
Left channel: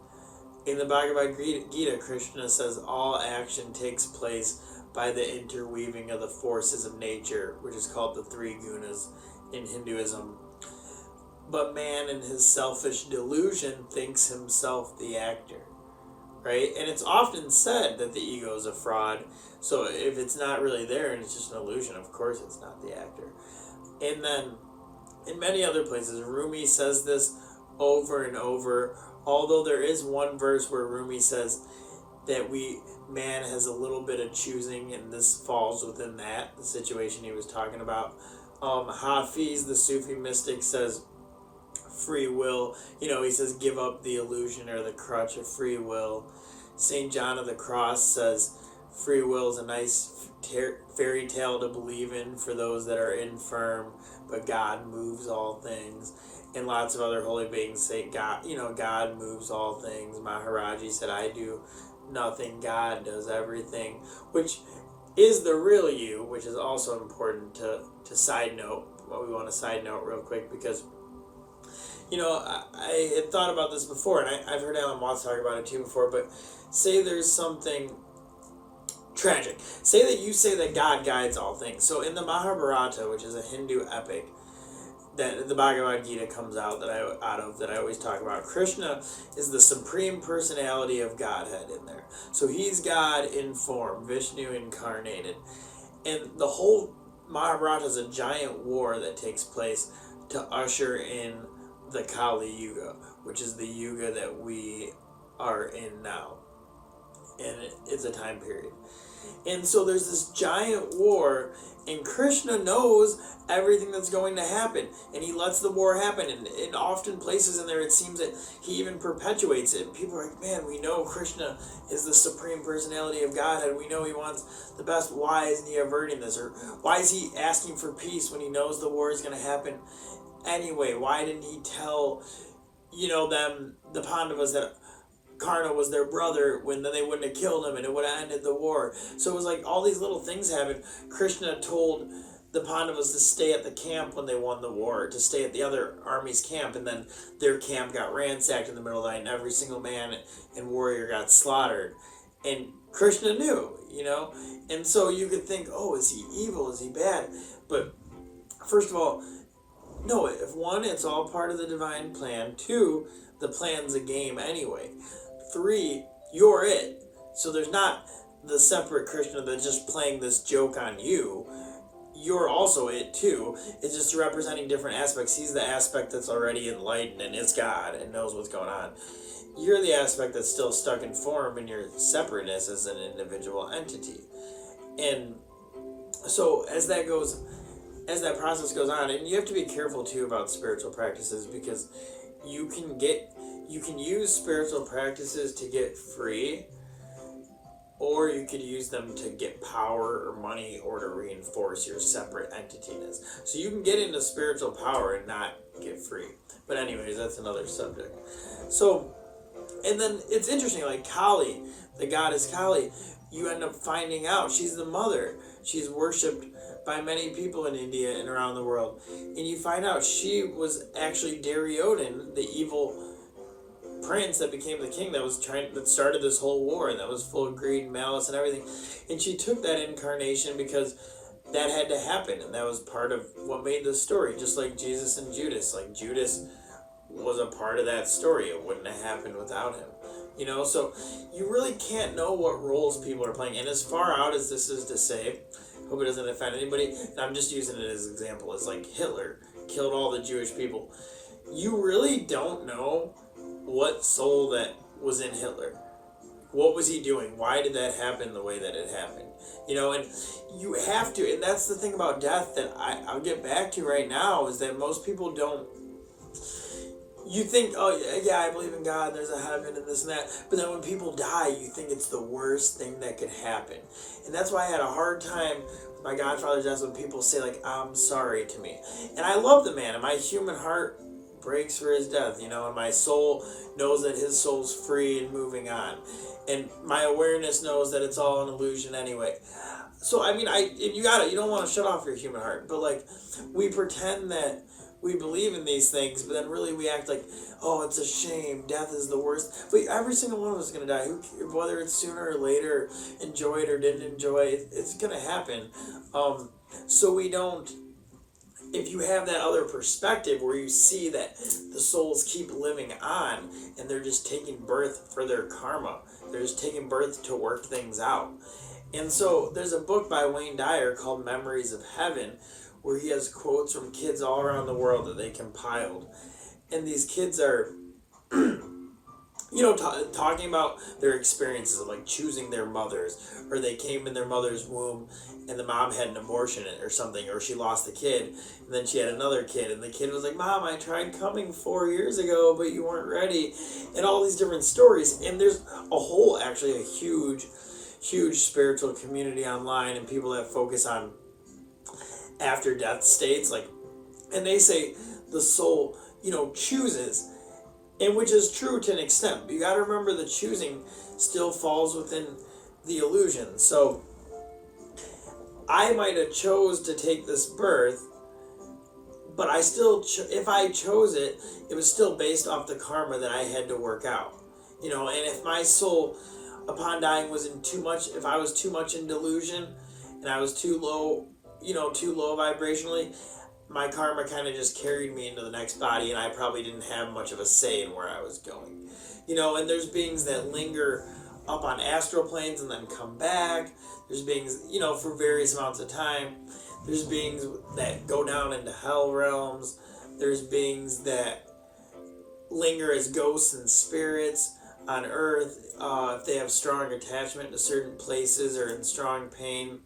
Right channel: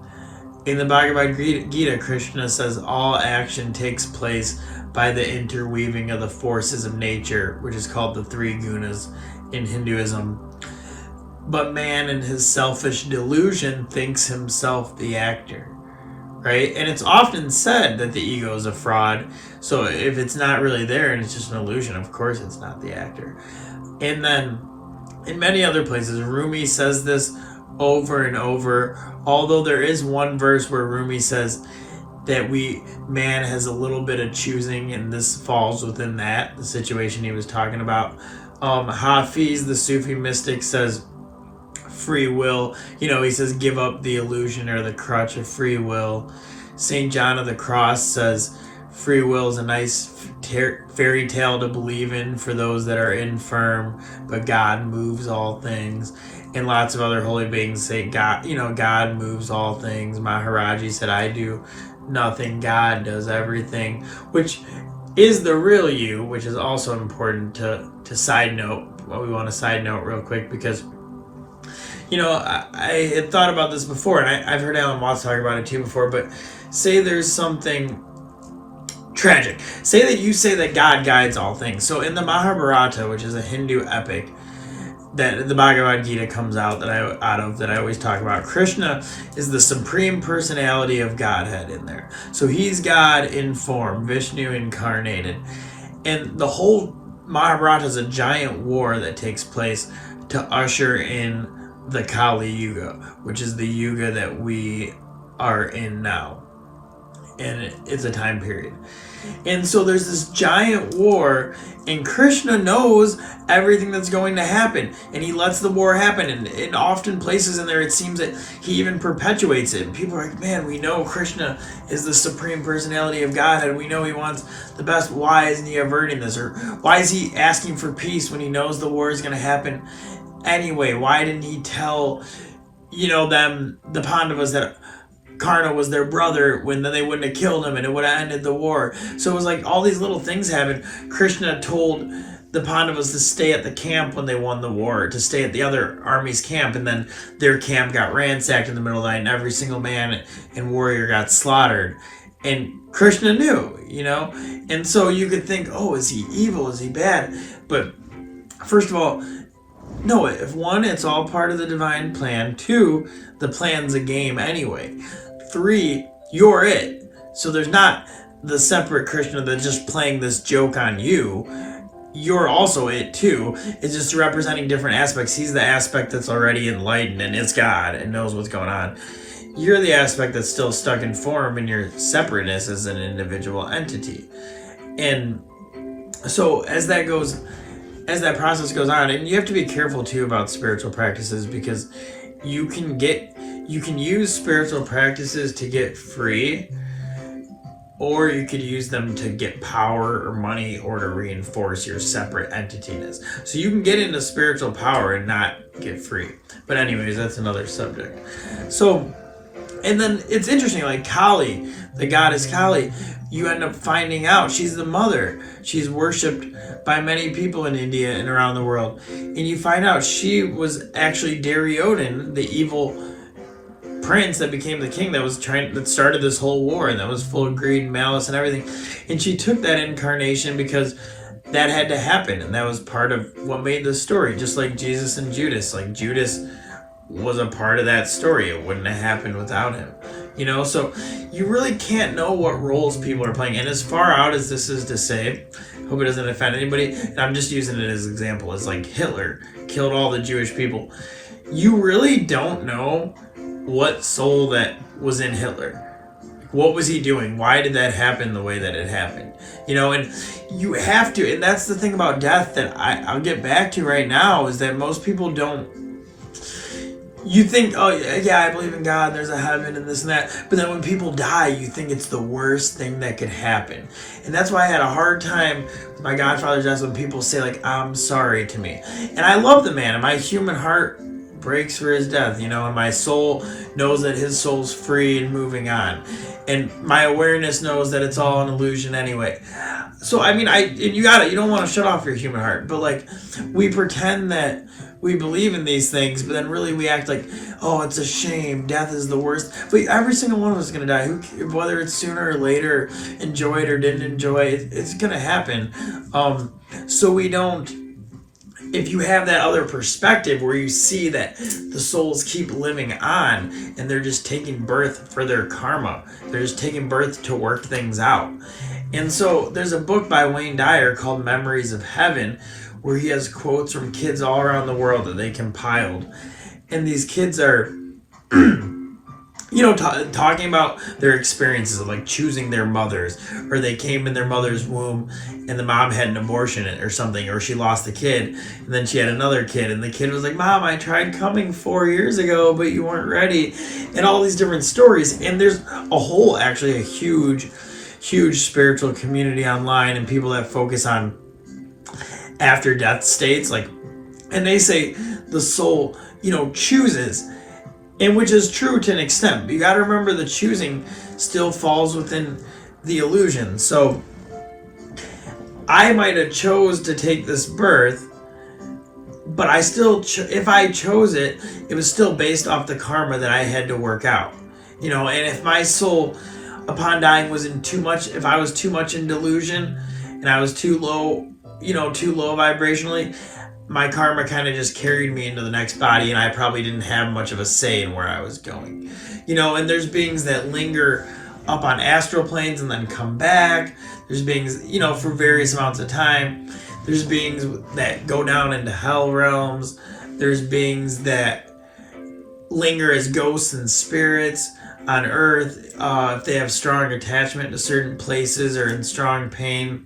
In the Bhagavad Gita, Krishna says all action takes place by the interweaving of the forces of nature, which is called the three gunas in Hinduism. But man, in his selfish delusion, thinks himself the actor, right? And it's often said that the ego is a fraud. So if it's not really there and it's just an illusion, of course it's not the actor. And then in many other places, Rumi says this over and over. Although there is one verse where Rumi says that man has a little bit of choosing, and this falls within that, the situation he was talking about. Hafiz, the Sufi mystic, says free will. He says give up the illusion or the crutch of free will. St. John of the Cross says free will is a nice fairy tale to believe in for those that are infirm, but God moves all things. And lots of other holy beings say God moves all things. Maharaji said, I do nothing, God does everything, which is the real you, which is also important to side note. We want to side note real quick, because I had thought about this before, and I've heard Alan Watts talk about it too before, but say there's something tragic. Say that you say that God guides all things. So in the Mahabharata, which is a Hindu epic that the Bhagavad Gita comes out that I always talk about, Krishna is the supreme personality of Godhead in there. So he's God in form, Vishnu incarnated. And the whole Mahabharata is a giant war that takes place to usher in the Kali Yuga, which is the Yuga that we are in now. And it's a time period. And so there's this giant war, and Krishna knows everything that's going to happen, and he lets the war happen. And in often places in there, it seems that he even perpetuates it. And people are like, man, we know Krishna is the supreme personality of Godhead. We know he wants the best. Why isn't he averting this? Or why is he asking for peace when he knows the war is going to happen anyway? Why didn't he tell, them, the Pandavas, that Karna was their brother, when then they wouldn't have killed him and it would have ended the war. So it was like all these little things happened. Krishna told the Pandavas to stay at the camp when they won the war, to stay at the other army's camp, and then their camp got ransacked in the middle of the night and every single man and warrior got slaughtered. And Krishna knew, and so you could think, oh, is he evil? Is he bad? But first of all, no, if one, it's all part of the divine plan. Two, the plan's a game anyway. Three, you're it. So there's not the separate Krishna that's just playing this joke on you. You're also it too. It's just representing different aspects. He's the aspect that's already enlightened and is God and knows what's going on. You're the aspect that's still stuck in form in your separateness as an individual entity. And so as that process goes on, and you have to be careful too about spiritual practices, because you can use spiritual practices to get free, or you could use them to get power or money or to reinforce your separate entityness. So you can get into spiritual power and not get free. But anyways, that's another subject. So, and then it's interesting, like Kali, the goddess Kali, you end up finding out she's the mother. She's worshipped by many people in India and around the world. And you find out she was actually Duryodhan, the evil prince that became the king that started this whole war, and that was full of greed and malice and everything. And she took that incarnation because that had to happen, and that was part of what made the story. Just like Jesus and Judas. Like Judas was a part of that story. It wouldn't have happened without him. So you really can't know what roles people are playing. And as far out as this is to say, hope it doesn't offend anybody, and I'm just using it as an example, as like Hitler killed all the Jewish people. You really don't know what soul that was in Hitler. What was he doing? Why did that happen the way that it happened? And you have to, and that's the thing about death that I'll get back to right now, is that most people don't. You think, oh yeah, I believe in God, there's a heaven and this and that, but then when people die, you think it's the worst thing that could happen. And that's why I had a hard time with my godfather's death when people say, like, I'm sorry to me. And I love the man, and my human heart breaks for his death, and my soul knows that his soul's free and moving on. And my awareness knows that it's all an illusion anyway. So, you don't want to shut off your human heart, but like, we pretend that we believe in these things, but then really we act like, oh, it's a shame, death is the worst. But every single one of us is going to die. Whether it's sooner or later, enjoy it or didn't enjoy it, it's going to happen. So we don't, if you have that other perspective where you see that the souls keep living on and they're just taking birth for their karma, they're just taking birth to work things out. And so there's a book by Wayne Dyer called Memories of Heaven, where he has quotes from kids all around the world that they compiled. And these kids are, talking about their experiences of like choosing their mothers, or they came in their mother's womb and the mom had an abortion or something, or she lost the kid and then she had another kid and the kid was like, Mom, I tried coming 4 years ago, but you weren't ready. And all these different stories. And there's a huge spiritual community online, and people that focus on after death states, and they say the soul, chooses, and which is true to an extent, but you got to remember the choosing still falls within the illusion. So I might have chose to take this birth, but I still, if I chose it, it was still based off the karma that I had to work out, and if my soul upon dying was in too much, if I was too much in delusion and I was too low vibrationally, my karma kind of just carried me into the next body, and I probably didn't have much of a say in where I was going. And there's beings that linger up on astral planes and then come back. There's beings, for various amounts of time. There's beings that go down into hell realms. There's beings that linger as ghosts and spirits on earth if they have strong attachment to certain places or in strong pain.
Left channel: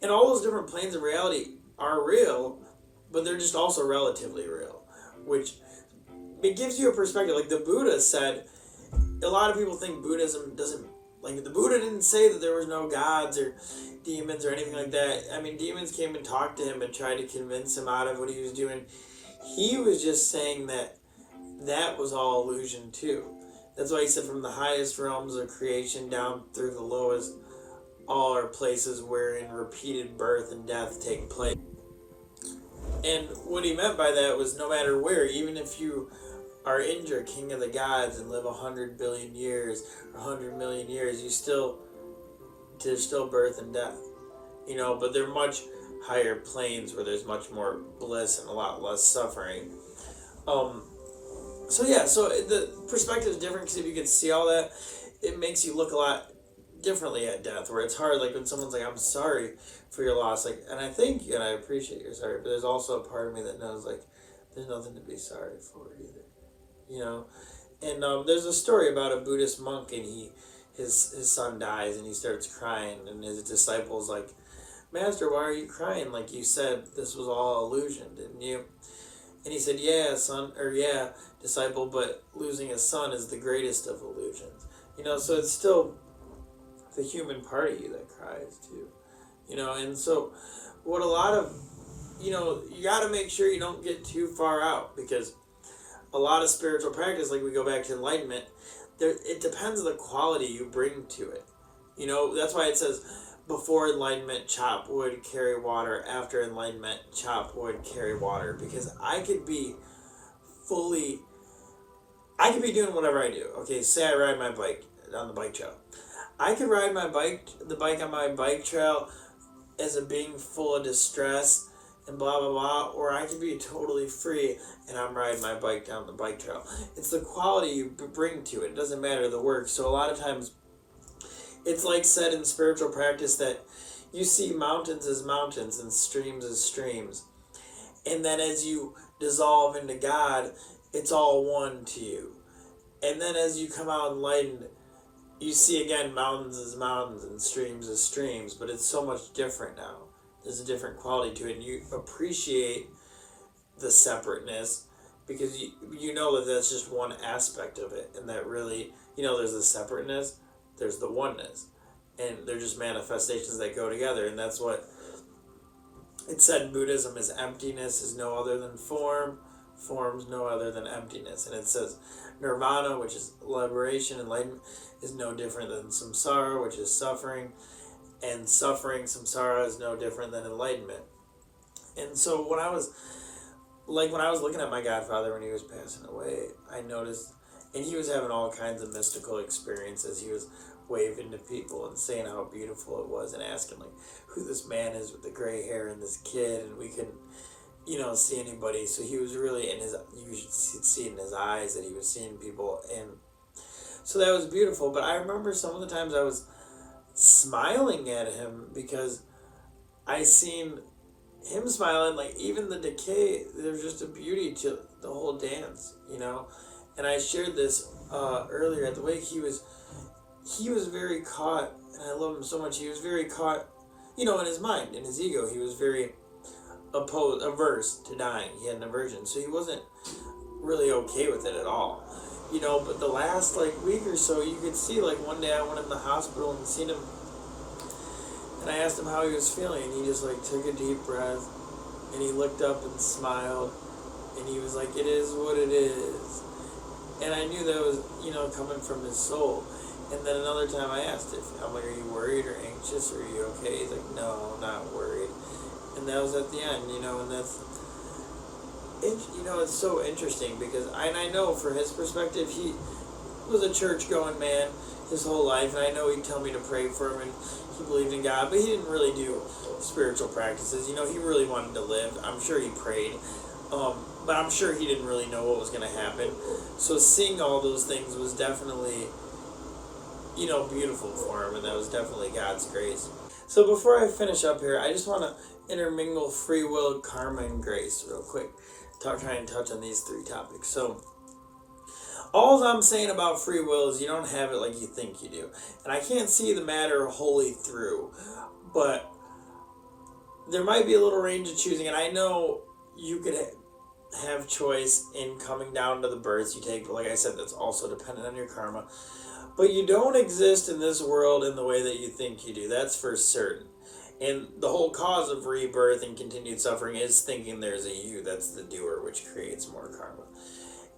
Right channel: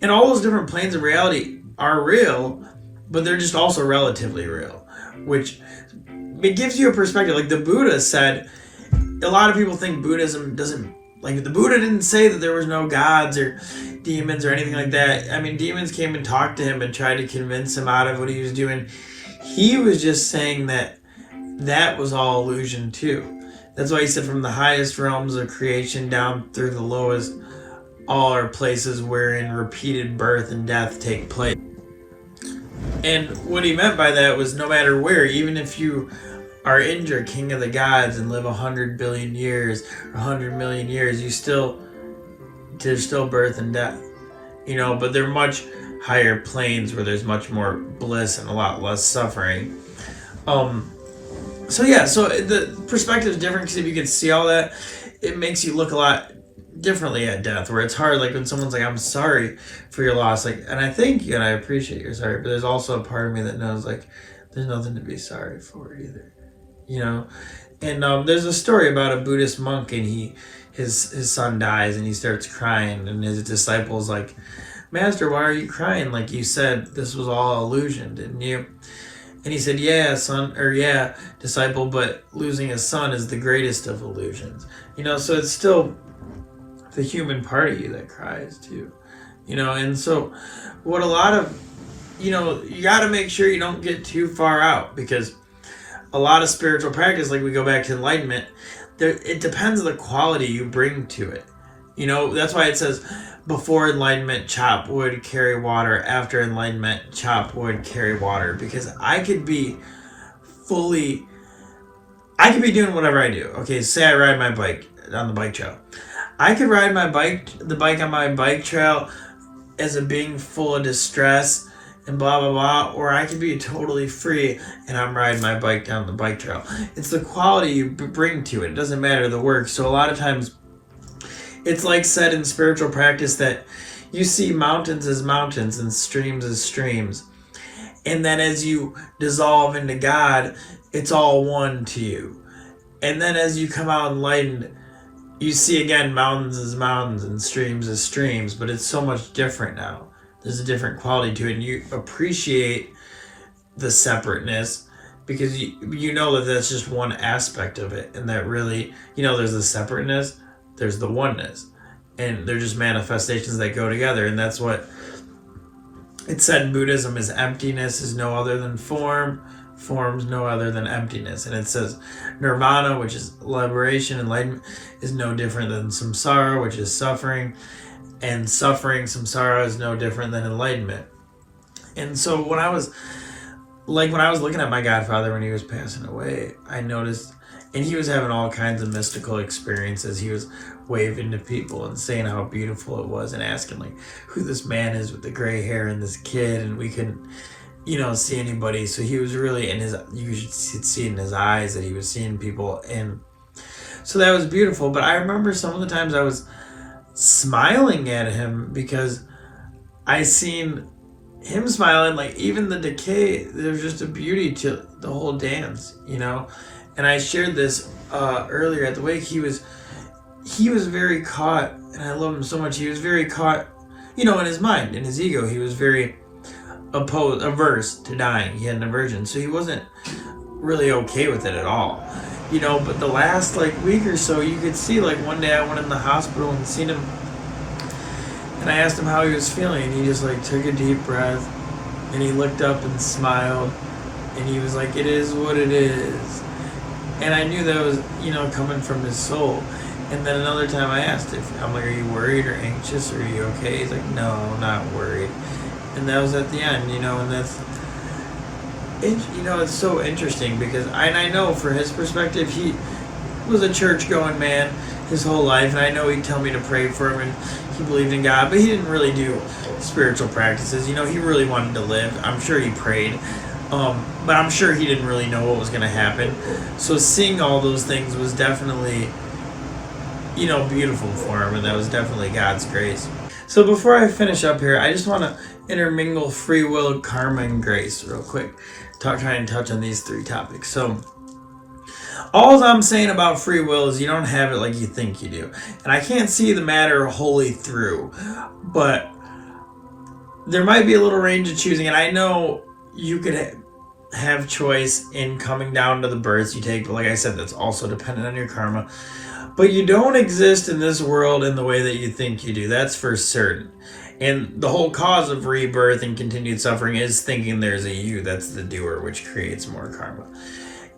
And all those different planes of reality are real, but they're just also relatively real, which it gives you a perspective. Like the Buddha said, a lot of people think Buddhism doesn't, like the Buddha didn't say that there was no gods or demons or anything like that. Demons came and talked to him and tried to convince him out of what he was doing. He was just saying that was all illusion too. That's why he said from the highest realms of creation down through the lowest, all are places wherein repeated birth and death take place. And what he meant by that was no matter where, even if you are Indra, king of the gods, and live 100 billion years or 100 million years, there's still birth and death, but they're much higher planes where there's much more bliss and a lot less suffering. So the perspective is different, because if you can see all that, it makes you look a lot differently at death, where it's hard, like when someone's like, I'm sorry for your loss, like, and I thank you and I appreciate your sorry, but there's also a part of me that knows, like, there's nothing to be sorry for either, and there's a story about a Buddhist monk, and his son dies and he starts crying, and his disciple's like, Master, why are you crying? Like, you said this was all illusion, didn't you? And he said, yeah, disciple, but losing a son is the greatest of illusions. So it's still the human part of you that cries too. And so what a lot of, you got to make sure you don't get too far out, because a lot of spiritual practice, like we go back to enlightenment, it depends on the quality you bring to it. That's why it says, before enlightenment, chop wood, carry water. After enlightenment, chop wood, carry water. Because I could be doing whatever I do. Okay, say I ride my bike on the bike trail. I could ride the bike on my bike trail as a being full of distress and blah, blah, blah. Or I could be totally free and I'm riding my bike down the bike trail. It's the quality you bring to it. It doesn't matter the work. So a lot of times, it's like said in spiritual practice that you see mountains as mountains and streams as streams. And then as you dissolve into God, it's all one to you. And then as you come out enlightened, you see again mountains as mountains and streams as streams, but it's so much different now. There's a different quality to it, and you appreciate the separateness, because you know that that's just one aspect of it, and that really, there's the separateness, there's the oneness, and they're just manifestations that go together. And that's what it said in Buddhism is emptiness is no other than form, form's no other than emptiness. And it says nirvana, which is liberation, enlightenment, is no different than samsara, which is suffering, and suffering, samsara, is no different than enlightenment. And so when I was looking at my godfather when he was passing away, I noticed, and he was having all kinds of mystical experiences. He was waving to people and saying how beautiful it was, and asking like who this man is with the gray hair and this kid, and we couldn't, see anybody. So he was really you should see in his eyes that he was seeing people, and so that was beautiful. But I remember some of the times I was smiling at him because I seen him smiling, like even the decay, there's just a beauty to the whole dance, And I shared this earlier at the wake. He was very caught, and I love him so much. He was very caught, in his mind, in his ego. He was very averse to dying. He had an aversion, so he wasn't really okay with it at all, But the last week or so, you could see one day I went in the hospital and seen him, and I asked him how he was feeling, and he just took a deep breath, and he looked up and smiled, and he was like, "It is what it is." And I knew that was, coming from his soul. And then another time I asked I'm like, "Are you worried or anxious, or are you okay?" He's like, "No, I'm not worried." And that was at the end, and that's, it's so interesting because I know for his perspective, he was a church-going man his whole life, and I know he'd tell me to pray for him, and he believed in God, but he didn't really do spiritual practices. He really wanted to live. I'm sure he prayed. But I'm sure he didn't really know what was going to happen. So seeing all those things was definitely, beautiful for him, and that was definitely God's grace. So before I finish up here, I just want to intermingle free will, karma, and grace real quick. Try and touch on these three topics. So all I'm saying about free will is you don't have it like you think you do. And I can't see the matter wholly through, but there might be a little range of choosing. And I know you could have choice in coming down to the births you take, but like I said, that's also dependent on your karma. But you don't exist in this world in the way that you think you do. That's for certain. And the whole cause of rebirth and continued suffering is thinking there's a you that's the doer, which creates more karma.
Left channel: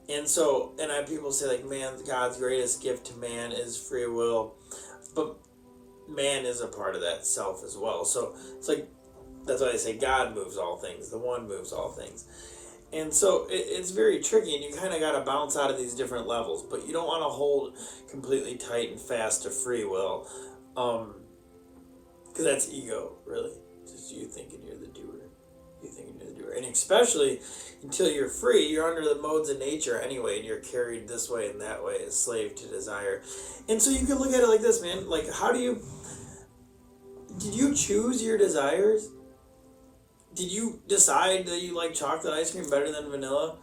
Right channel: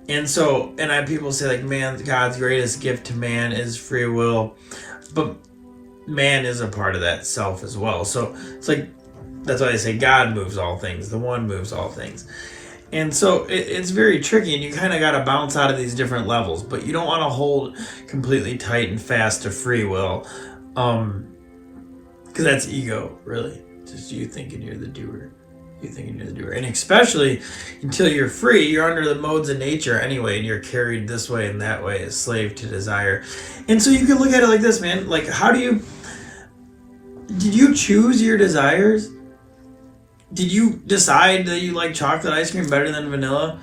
And so, and I people say like, man, God's greatest gift to man is free will, but man is a part of that self as well. So it's like, that's why they say God moves all things, the one moves all things. And so it's very tricky, and you kind of got to bounce out of these different levels, but you don't want to hold completely tight and fast to free will, because that's ego, really. Just you thinking you're the doer. You thinking you're the doer. And especially until you're free, you're under the modes of nature anyway, and you're carried this way and that way, a slave to desire. And so you can look at it like this, man. Like, did you choose your desires? Did you decide that you like chocolate ice cream better than vanilla?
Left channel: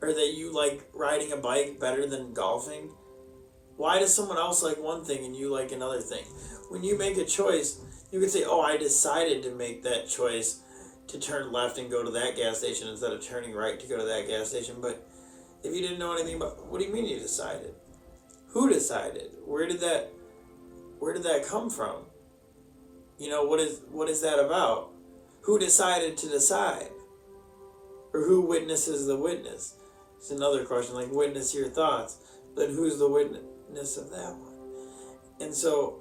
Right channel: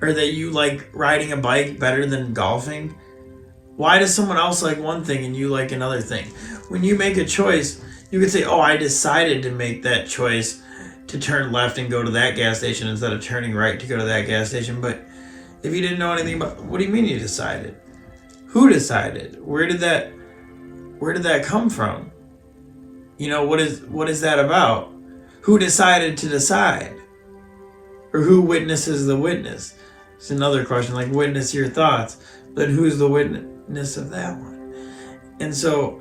Or that you like riding a bike better than golfing? Why does someone else like one thing and you like another thing? When you make a choice, you could say, oh, I decided to make that choice to turn left and go to that gas station instead of turning right to go to that gas station. But if you didn't know anything about, what do you mean you decided? Who decided? Where did that come from? You know, what is that about? Who decided to decide? Or who witnesses the witness? It's another question, like witness your thoughts. But who's the witness of that one? And so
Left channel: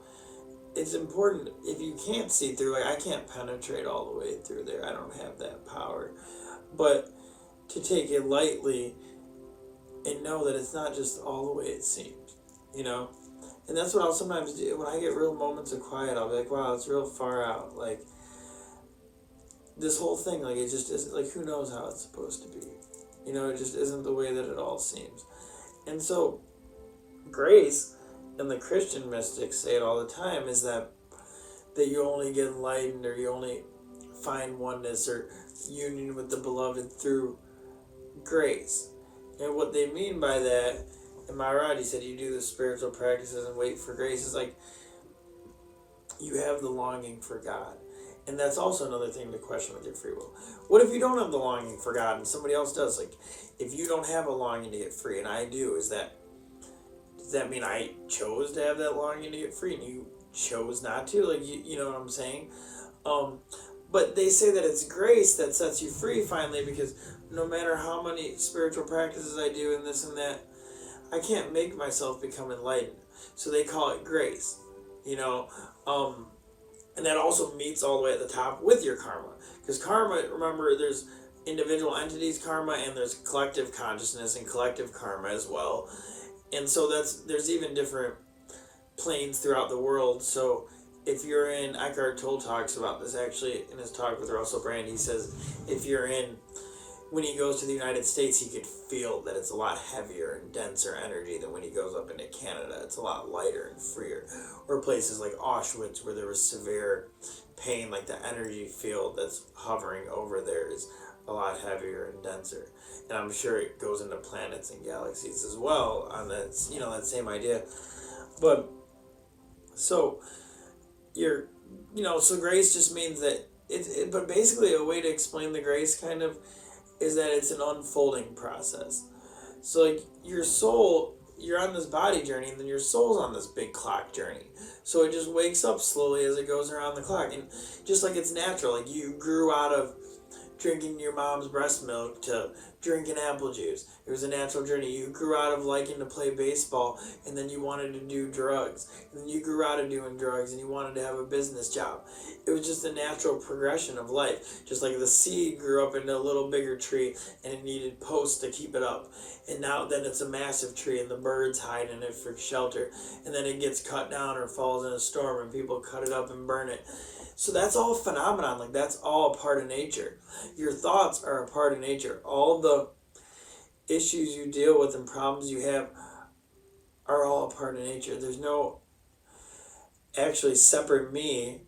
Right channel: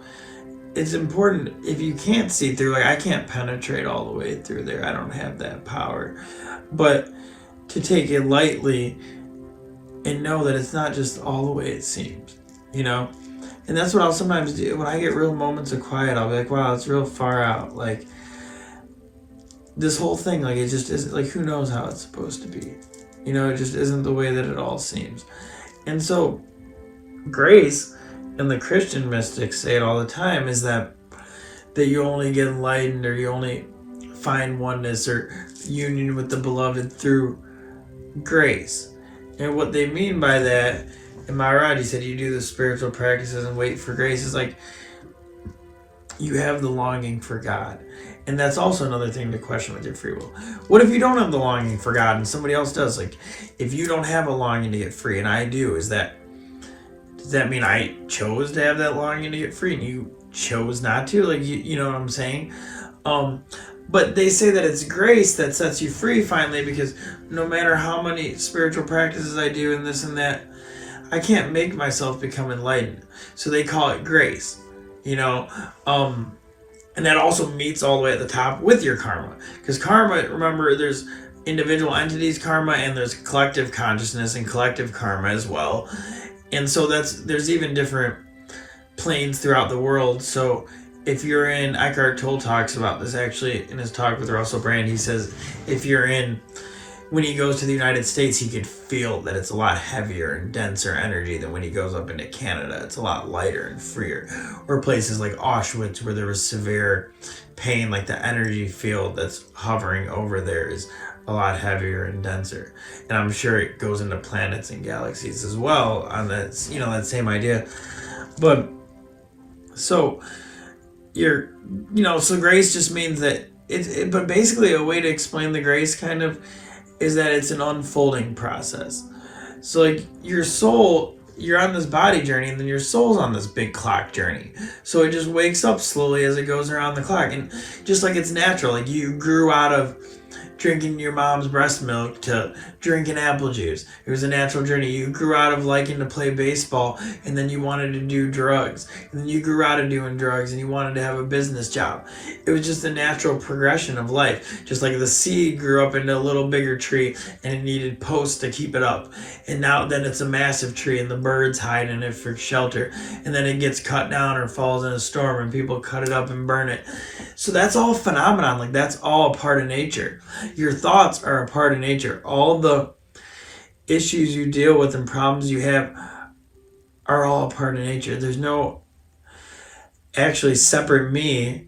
it's important, if you can't see through, like I can't penetrate all the way through there. I don't have that power. But to take it lightly and know that it's not just all the way it seems, you know? And that's what I'll sometimes do. When I get real moments of quiet, I'll be like, wow, it's real far out. Like, this whole thing, like, it just isn't, like, who knows how it's supposed to be? You know, it just isn't the way that it all seems. And so, grace, and the Christian mystics say it all the time, is that you only get enlightened, or you only find oneness or union with the beloved through grace. And what they mean by that, and Maharaj, he said, you do the spiritual practices and wait for grace, is like, you have the longing for God. And that's also another thing to question with your free will. What if you don't have the longing for God and somebody else does? Like, if you don't have a longing to get free and I do, does that mean I chose to have that longing to get free and you chose not to? Like, you know what I'm saying? But they say that it's grace that sets you free finally, because no matter how many spiritual practices I do and this and that, I can't make myself become enlightened. So they call it grace, you know? And that also meets all the way at the top with your karma. Because karma, remember, there's individual entities karma, and there's collective consciousness and collective karma as well. And so there's even different planes throughout the world. So if you're in, Eckhart Tolle talks about this actually in his talk with Russell Brand. He says when he goes to the United States, he could feel that it's a lot heavier and denser energy than when he goes up into Canada. It's a lot lighter and freer. Or places like Auschwitz, where there was severe pain, like the energy field that's hovering over there is a lot heavier and denser. And I'm sure it goes into planets and galaxies as well on that, you know, that same idea. But so so grace just means that but basically a way to explain the grace kind of is that it's an unfolding process. So like your soul, you're on this body journey, and then your soul's on this big clock journey. So it just wakes up slowly as it goes around the clock. And just like it's natural, like you grew out of drinking your mom's breast milk to drinking apple juice. It was a natural journey. You grew out of liking to play baseball, and then you wanted to do drugs. And then you grew out of doing drugs, and you wanted to have a business job. It was just a natural progression of life. Just like the seed grew up into a little bigger tree, and it needed posts to keep it up. And then it's a massive tree, and the birds hide in it for shelter. And then it gets cut down or falls in a storm, and people cut it up and burn it. So that's all phenomenon. Like, that's all a part of nature. Your thoughts are a part of nature. All the issues you deal with and problems you have are all a part of nature. There's no actually separate me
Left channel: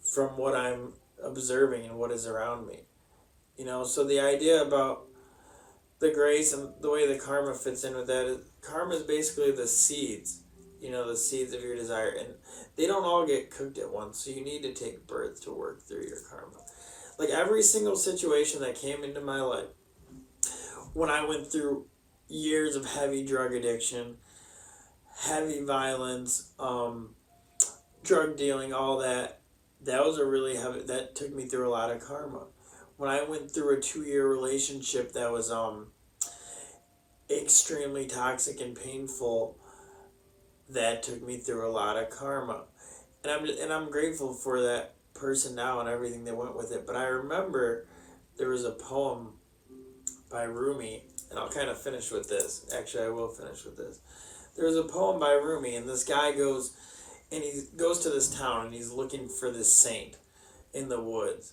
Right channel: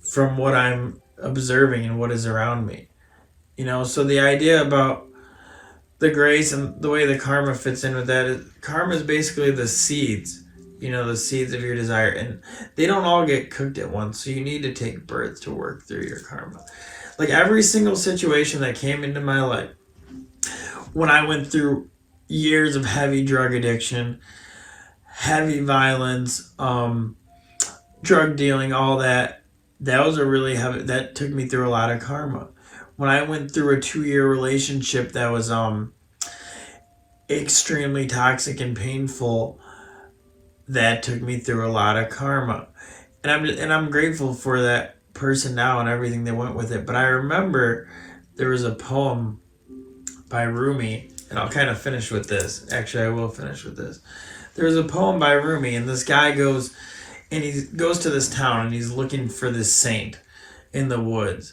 from what I'm observing and what is around me. You know, so the idea about the grace and the way the karma fits in with that is, karma is basically the seeds. You know, the seeds of your desire, and they don't all get cooked at once, so you need to take birth to work through your karma. Like every single situation that came into my life, when I went through years of heavy drug addiction, heavy violence, drug dealing, all that was a really heavy, that took me through a lot of karma. When I went through a 2-year relationship that was extremely toxic and painful that took me through a lot of karma. And I'm grateful for that person now and everything that went with it. But I remember there was a poem by Rumi, and I'll kind of finish with this. Actually, I will finish with this. There was a poem by Rumi, and this guy goes to this town, and he's looking for this saint in the woods.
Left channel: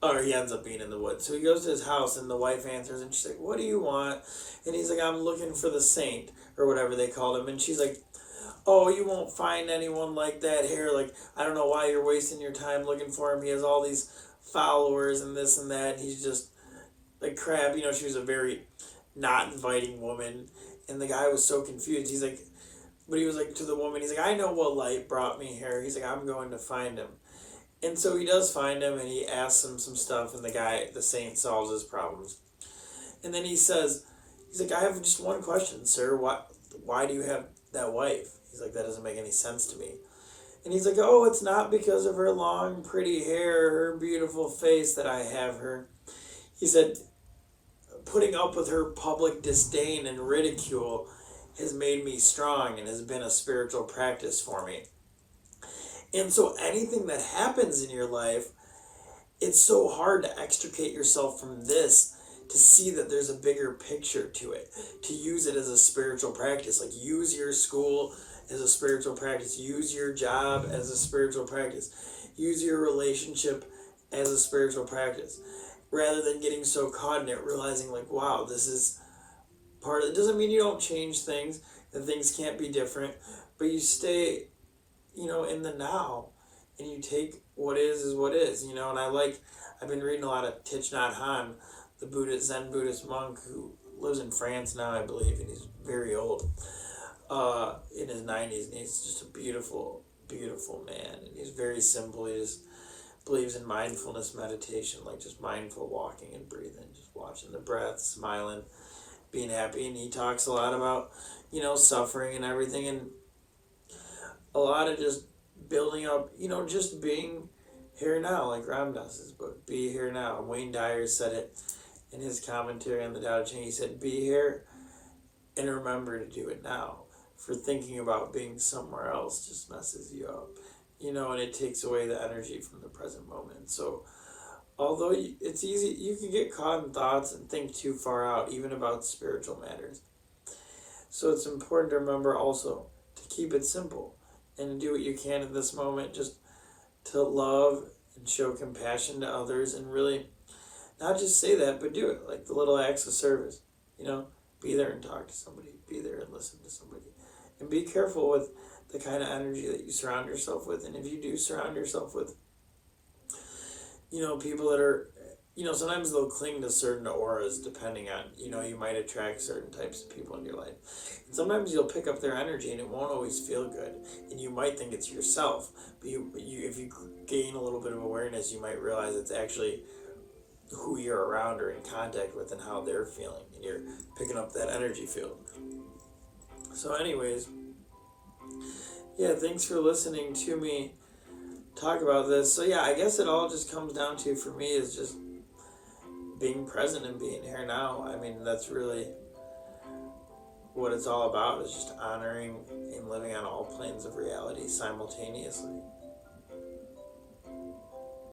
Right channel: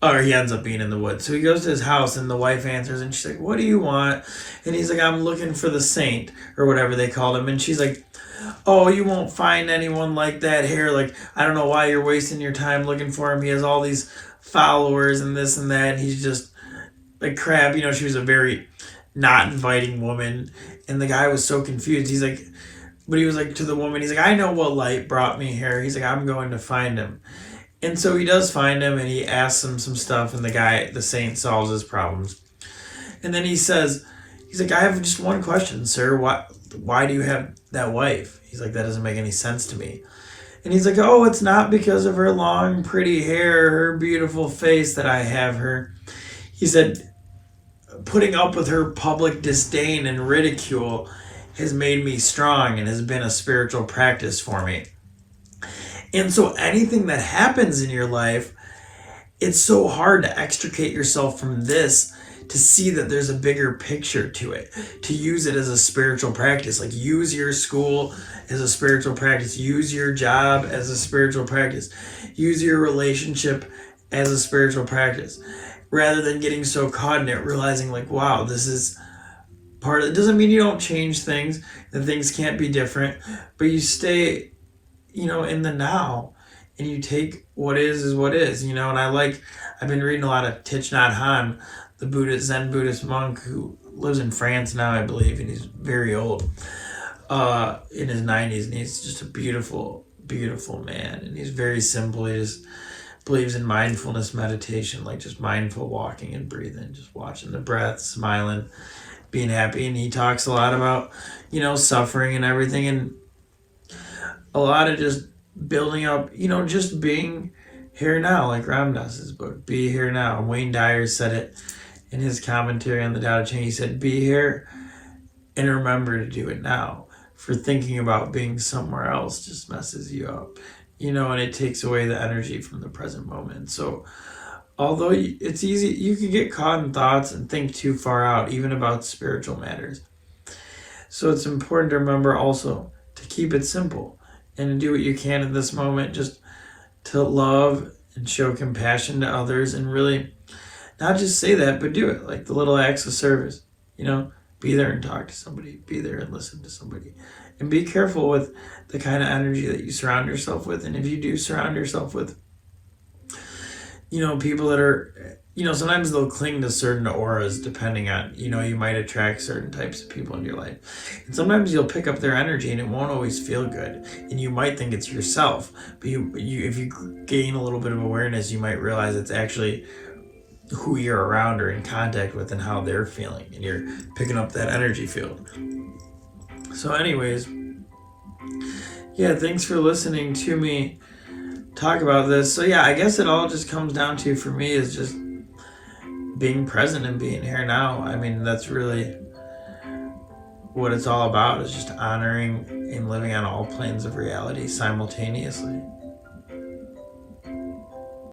Or he ends up being in the woods. So he goes to his house, and the wife answers, and she's like, "What do you want?" And he's like, "I'm looking for the saint," or whatever they called him. And she's like, "Oh, you won't find anyone like that here. Like, I don't know why you're wasting your time looking for him. He has all these followers and this and that, and he's just like crap." She was a very not inviting woman, and the guy was so confused. But he was like to the woman, he's like, "I know what light brought me here." He's like, "I'm going to find him." And so he does find him, and he asks him some stuff, and the saint solves his problems. And then he's like, "I have just one question, sir. Why do you have that wife?" He's like, "That doesn't make any sense to me." And he's like, "Oh, it's not because of her long, pretty hair, her beautiful face that I have her." He said, "Putting up with her public disdain and ridicule has made me strong and has been a spiritual practice for me." And so anything that happens in your life, it's so hard to extricate yourself from this, to see that there's a bigger picture to it, to use it as a spiritual practice. Like, use your school as a spiritual practice, use your job as a spiritual practice, use your relationship as a spiritual practice, rather than getting so caught in it, realizing like, wow, this is part of it. Doesn't mean you don't change things, and things can't be different, but you stay in the now, and you take what is what is, and I've been reading a lot of Thich Nhat Hanh, the Zen Buddhist monk who lives in France now, I believe, and he's very old, in his 90s, and he's just a beautiful, beautiful man, and he's very simple. He just believes in mindfulness meditation, like just mindful walking and breathing, just watching the breath, smiling, being happy, and he talks a lot about, suffering and everything, and a lot of just building up, just being here now, like Ram Dass's book, Be Here Now. Wayne Dyer said it in his commentary on the Tao Te Ching. He said, "Be here and remember to do it now. For thinking about being somewhere else just messes you up, and it takes away the energy from the present moment." So although it's easy, you can get caught in thoughts and think too far out, even about spiritual matters. So it's important to remember also to keep it simple, and to do what you can in this moment, just to love and show compassion to others, and really not just say that, but do it. Like the little acts of service, be there and talk to somebody, be there and listen to somebody, and be careful with the kind of energy that you surround yourself with. And if you do surround yourself with, people that are, sometimes they'll cling to certain auras depending on, you might attract certain types of people in your life. And sometimes you'll pick up their energy and it won't always feel good. And you might think it's yourself, but if you gain a little bit of awareness, you might realize it's actually who you're around or in contact with and how they're feeling. And you're picking up that energy field. So anyways, yeah, thanks for listening to me talk about this. So yeah, I guess it all just comes down to, for me, is just being present and being here now. I mean, that's really what it's all about, is just honoring and living on all planes of reality simultaneously.